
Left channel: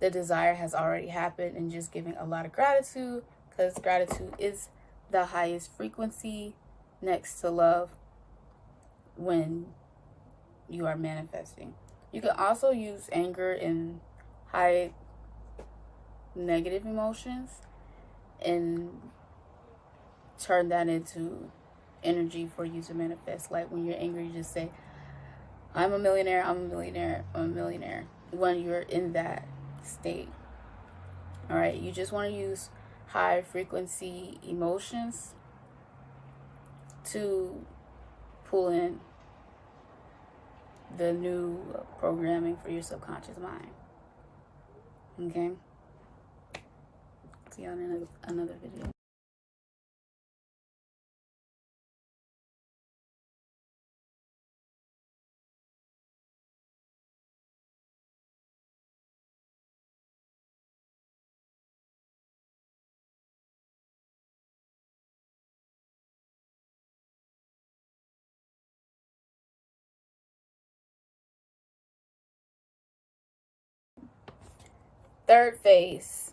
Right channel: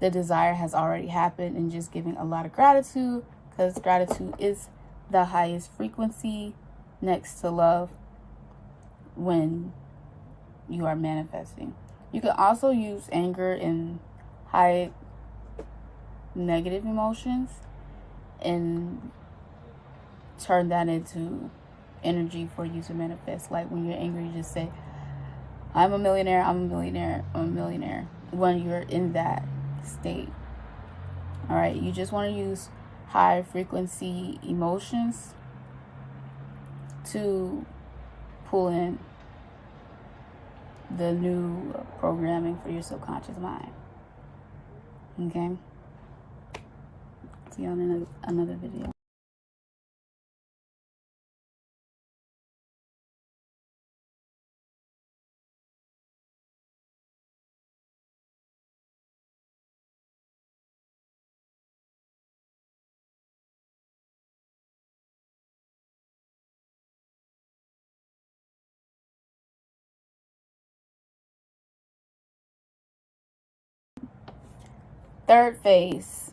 the desire has already happened and just giving a lot of gratitude, because gratitude is the highest frequency next to love when you are manifesting. You can also use anger and high negative emotions and turn that into energy for you to manifest. Like when you're angry, you just say, I'm a millionaire, I'm a millionaire, I'm a millionaire, when you're in that state. All right, you just want to use high frequency emotions to pull in the new programming for your subconscious mind. Okay? See you on another video. Third phase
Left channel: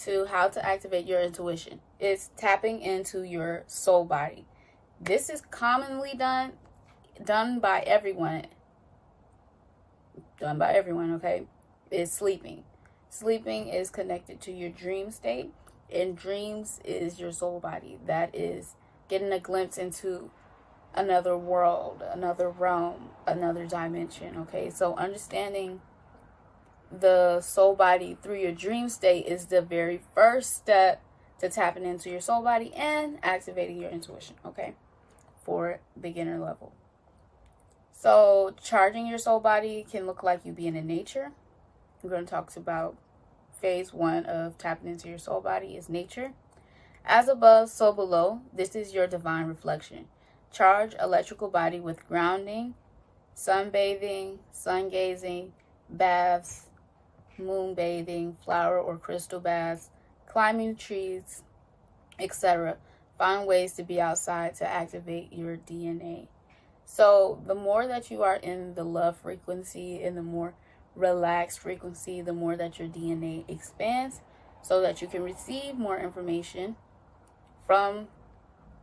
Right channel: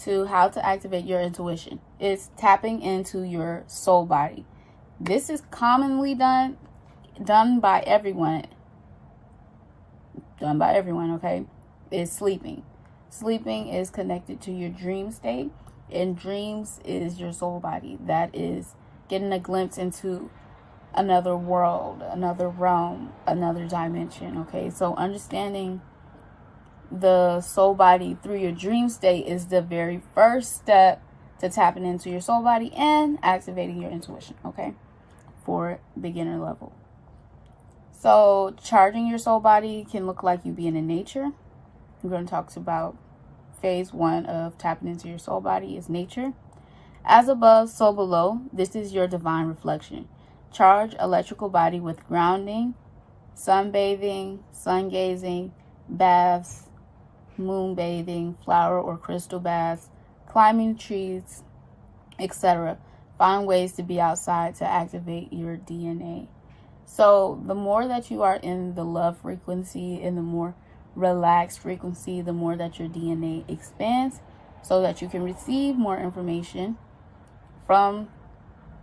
to how to activate your intuition is tapping into your soul body. This is commonly done by everyone. Done by everyone, okay? Is sleeping. Sleeping is connected to your dream state, and dreams is your soul body. That is getting a glimpse into another world, another realm, another dimension, okay? So understanding the soul body through your dream state is the very first step to tapping into your soul body and activating your intuition, okay? For beginner level. So charging your soul body can look like you being in nature. We're going to talk about phase 1 of tapping into your soul body is nature. As above, so below. This is your divine reflection. Charge electrical body with grounding, sunbathing, sun gazing, baths, moon bathing, flower or crystal baths, climbing trees, etc. Find ways to be outside to activate your DNA. So the more that you are in the love frequency and the more relaxed frequency, the more that your DNA expands so that you can receive more information from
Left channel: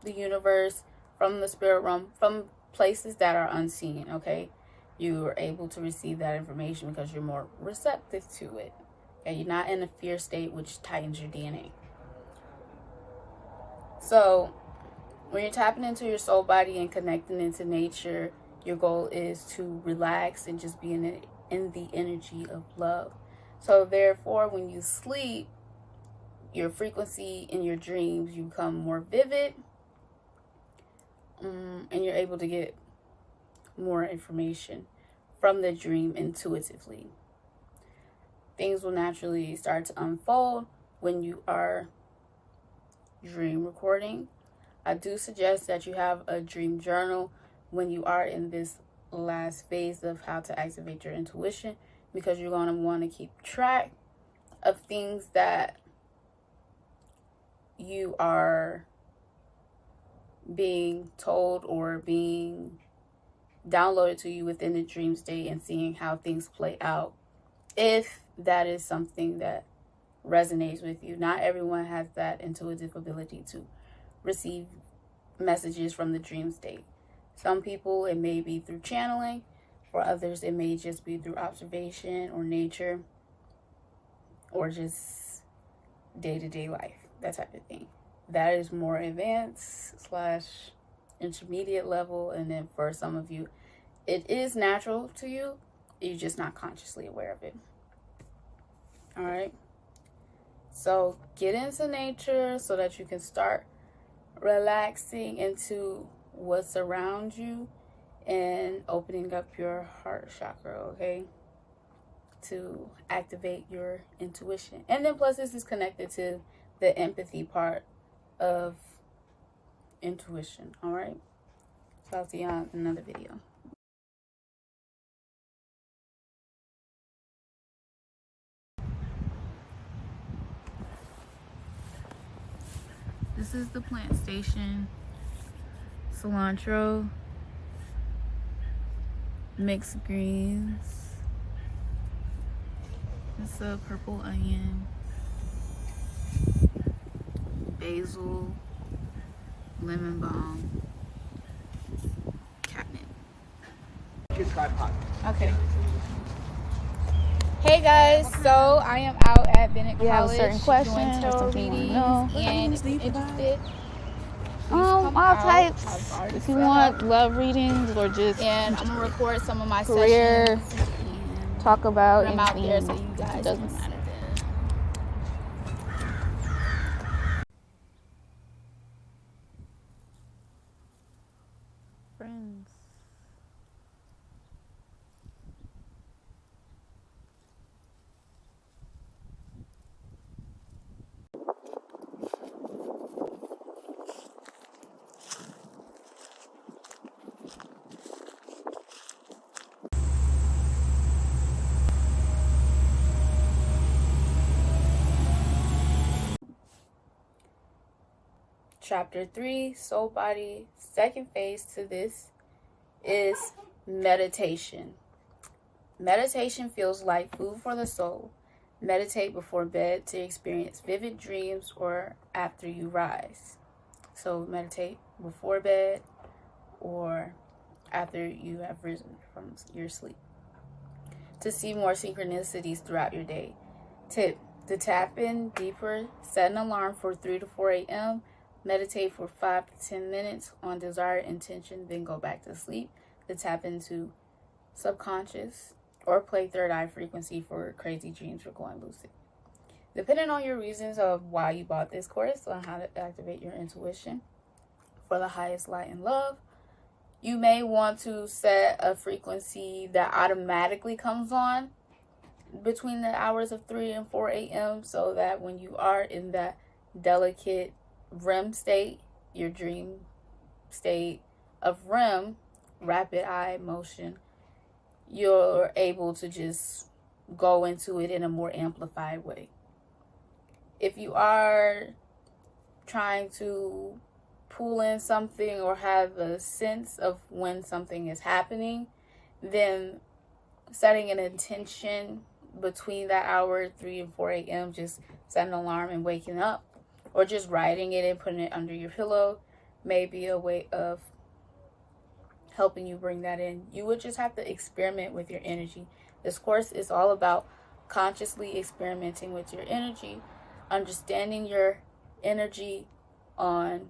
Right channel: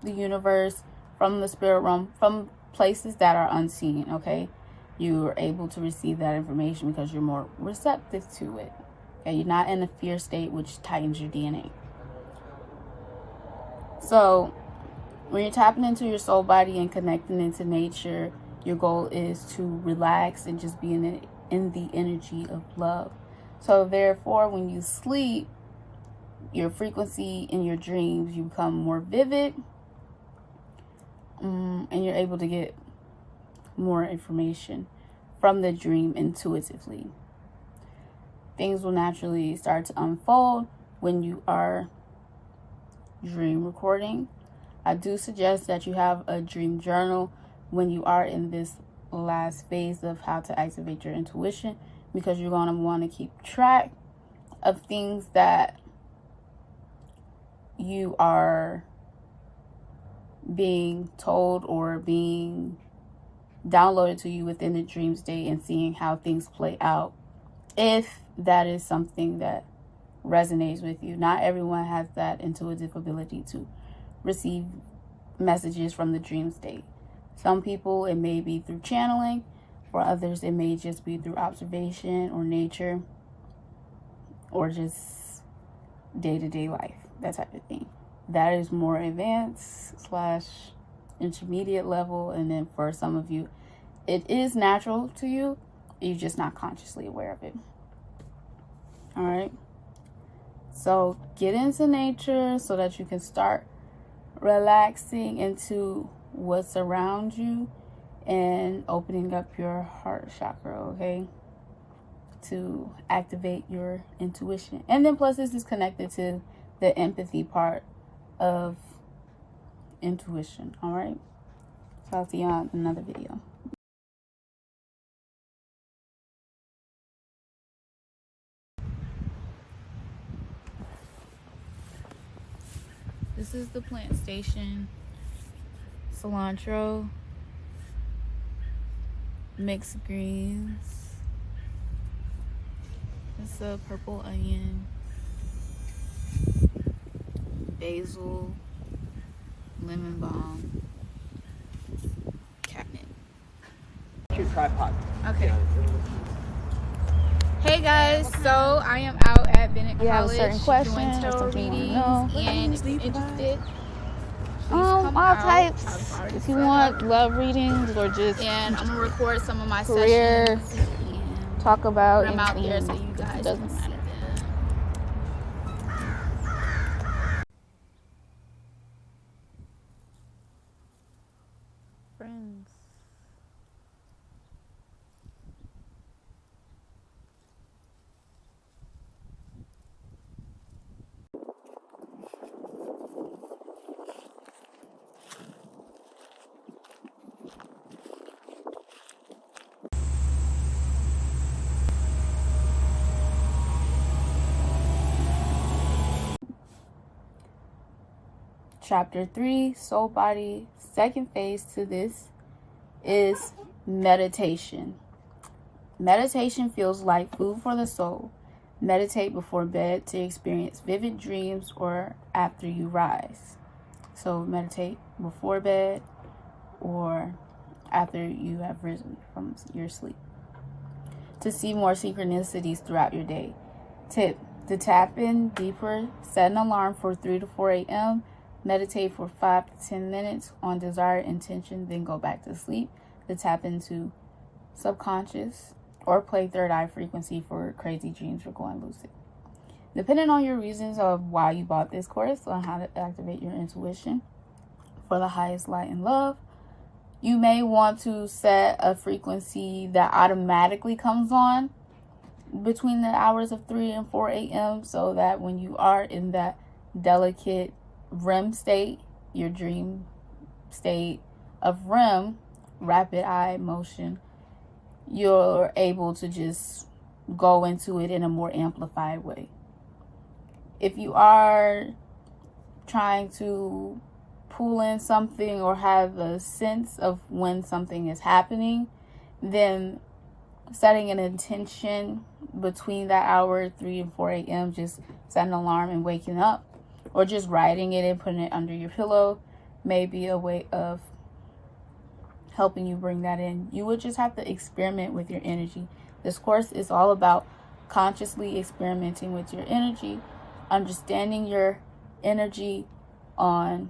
the universe, from the spirit realm, from places that are unseen, okay? You are able to receive that information because you're more receptive to it. Okay, you're not in a fear state, which tightens your DNA. So when you're tapping into your soul body and connecting into nature, your goal is to relax and just be in the energy of love. So therefore, when you sleep, your frequency in your dreams, you become more vivid, and you're able to get more information from the dream intuitively. Things will naturally start to unfold when you are dream recording. I do suggest that you have a dream journal when you are in this last phase of how to activate your intuition, because you're going to want to keep track of things that you are being told or being downloaded to you within the dream state, and seeing how things play out, if that is something that resonates with you. Not everyone has that intuitive ability to receive messages from the dream state. Some people, it may be through channeling. For others, it may just be through observation or nature or just day-to-day life, that type of thing. That is more advanced / intermediate level. And then for some of you, it is natural to you. You're just not consciously aware of it. All right. So get into nature so that you can start relaxing into what's around you and opening up your heart chakra, okay, to activate your intuition. And then plus, this is connected to the empathy part of intuition. All right, so I'll see you on another video. This is the plant station. Cilantro, mixed greens. It's a purple onion, basil, lemon balm, catnip. Okay. Hey guys, so I am out at Bennett College. You have a certain question or something you want to know? And interested. All types. If you want love readings or just And I'm gonna record some of my career, sessions. talk about I'm out there anything, so you guys doesn't can matter. Friends. Chapter 3, Soul Body. Second phase to this is meditation. Meditation feels like food for the soul. Meditate before bed to experience vivid dreams or after you rise. So meditate before bed or after you have risen from your sleep to see more synchronicities throughout your day. Tip: to tap in deeper, set an alarm for 3 to 4 a.m. Meditate for 5 to 10 minutes on desired intention, then go back to sleep. To tap into subconscious or play third eye frequency for crazy dreams or going lucid. Depending on your reasons of why you bought this course on how to activate your intuition for the highest light and love, you may want to set a frequency that automatically comes on between the hours of 3 and 4 a.m. so that when you are in that delicate REM state, your dream state of REM, rapid eye motion, you're able to just go into it in a more amplified way. If you are trying to pull in something or have a sense of when something is happening, then setting an intention between that hour 3 and 4 a.m., just set an alarm and waking up, or just writing it and putting it under your pillow may be a way of helping you bring that in. You would just have to experiment with your energy. This course is all about consciously experimenting with your energy, understanding your energy on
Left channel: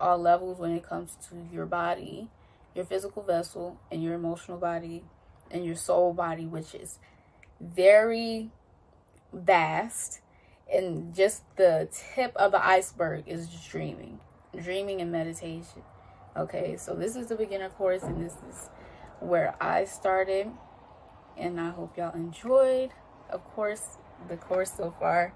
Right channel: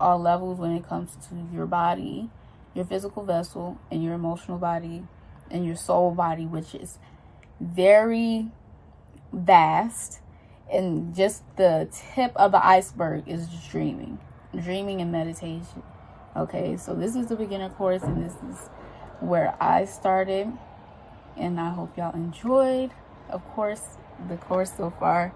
all levels when it comes to your body, your physical vessel, and your emotional body, and your soul body, which is very vast. And just the tip of the iceberg is dreaming and meditation. Okay, so this is the beginner course, and this is where I started, and I hope y'all enjoyed, of course, the course so far.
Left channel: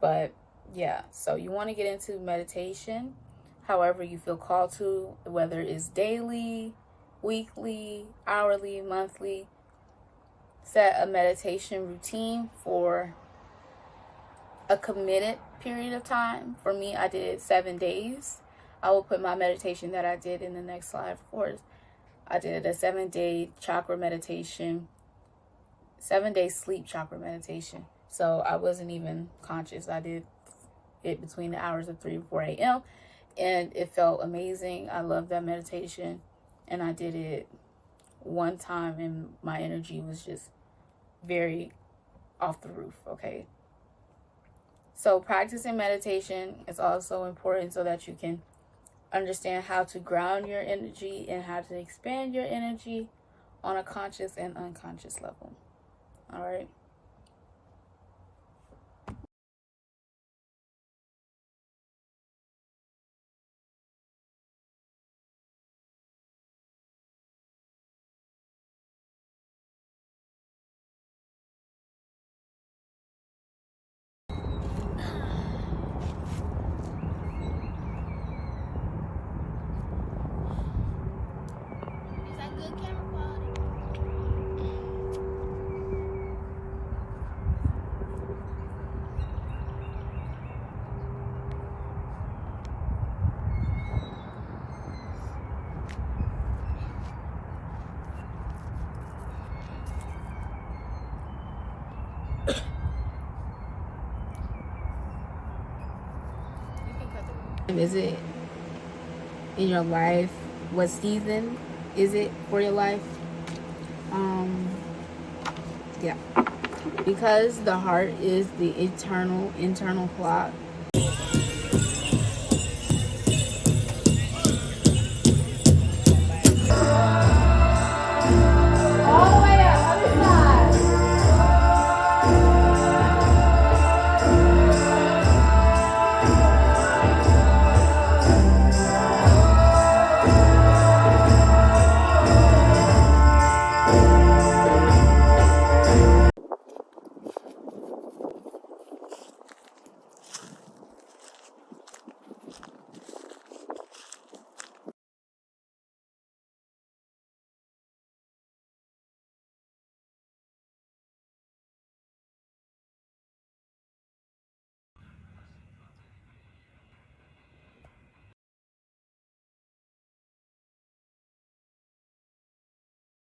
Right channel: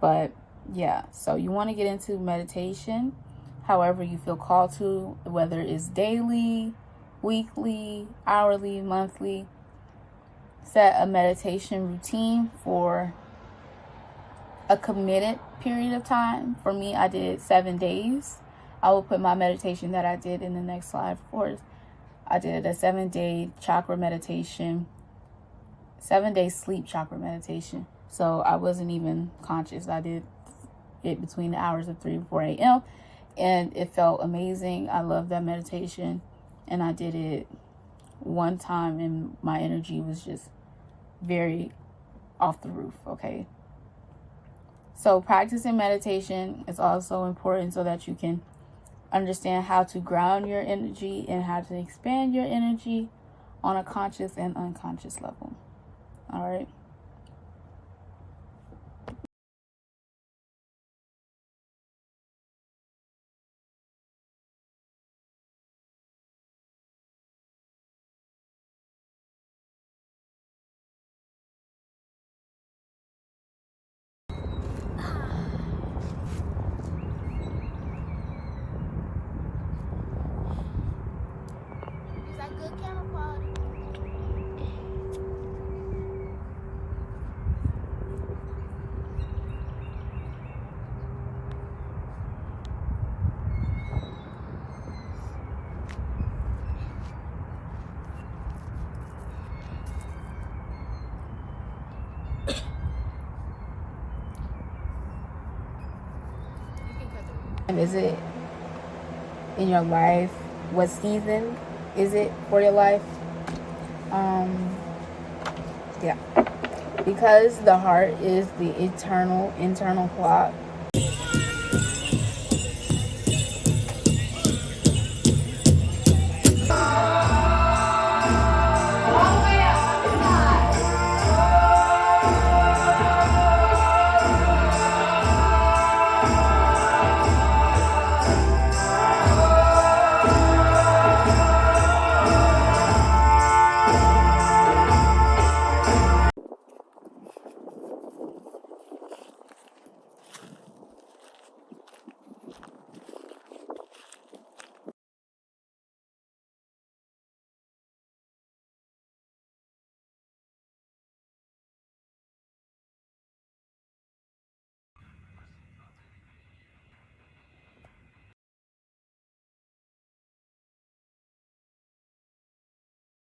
But yeah, so you want to get into meditation however you feel called to, whether it's daily, weekly, hourly, monthly. Set a meditation routine for a committed period of time. For me, I did 7 days. I will put my meditation that I did in the next slide, of course. I did a 7-day chakra meditation, 7-day sleep chakra meditation. So I wasn't even conscious. I did it between the hours of 3 and 4 a.m. and it felt amazing. I love that meditation, and I did it one time and my energy was just very off the roof. Okay, so practicing meditation is also important so that you can understand how to ground your energy and how to expand your energy on a conscious and unconscious level. All right. Is that good camera quality? Is it in your life? What season is it for your life? Yeah, because the heart is the eternal internal clock.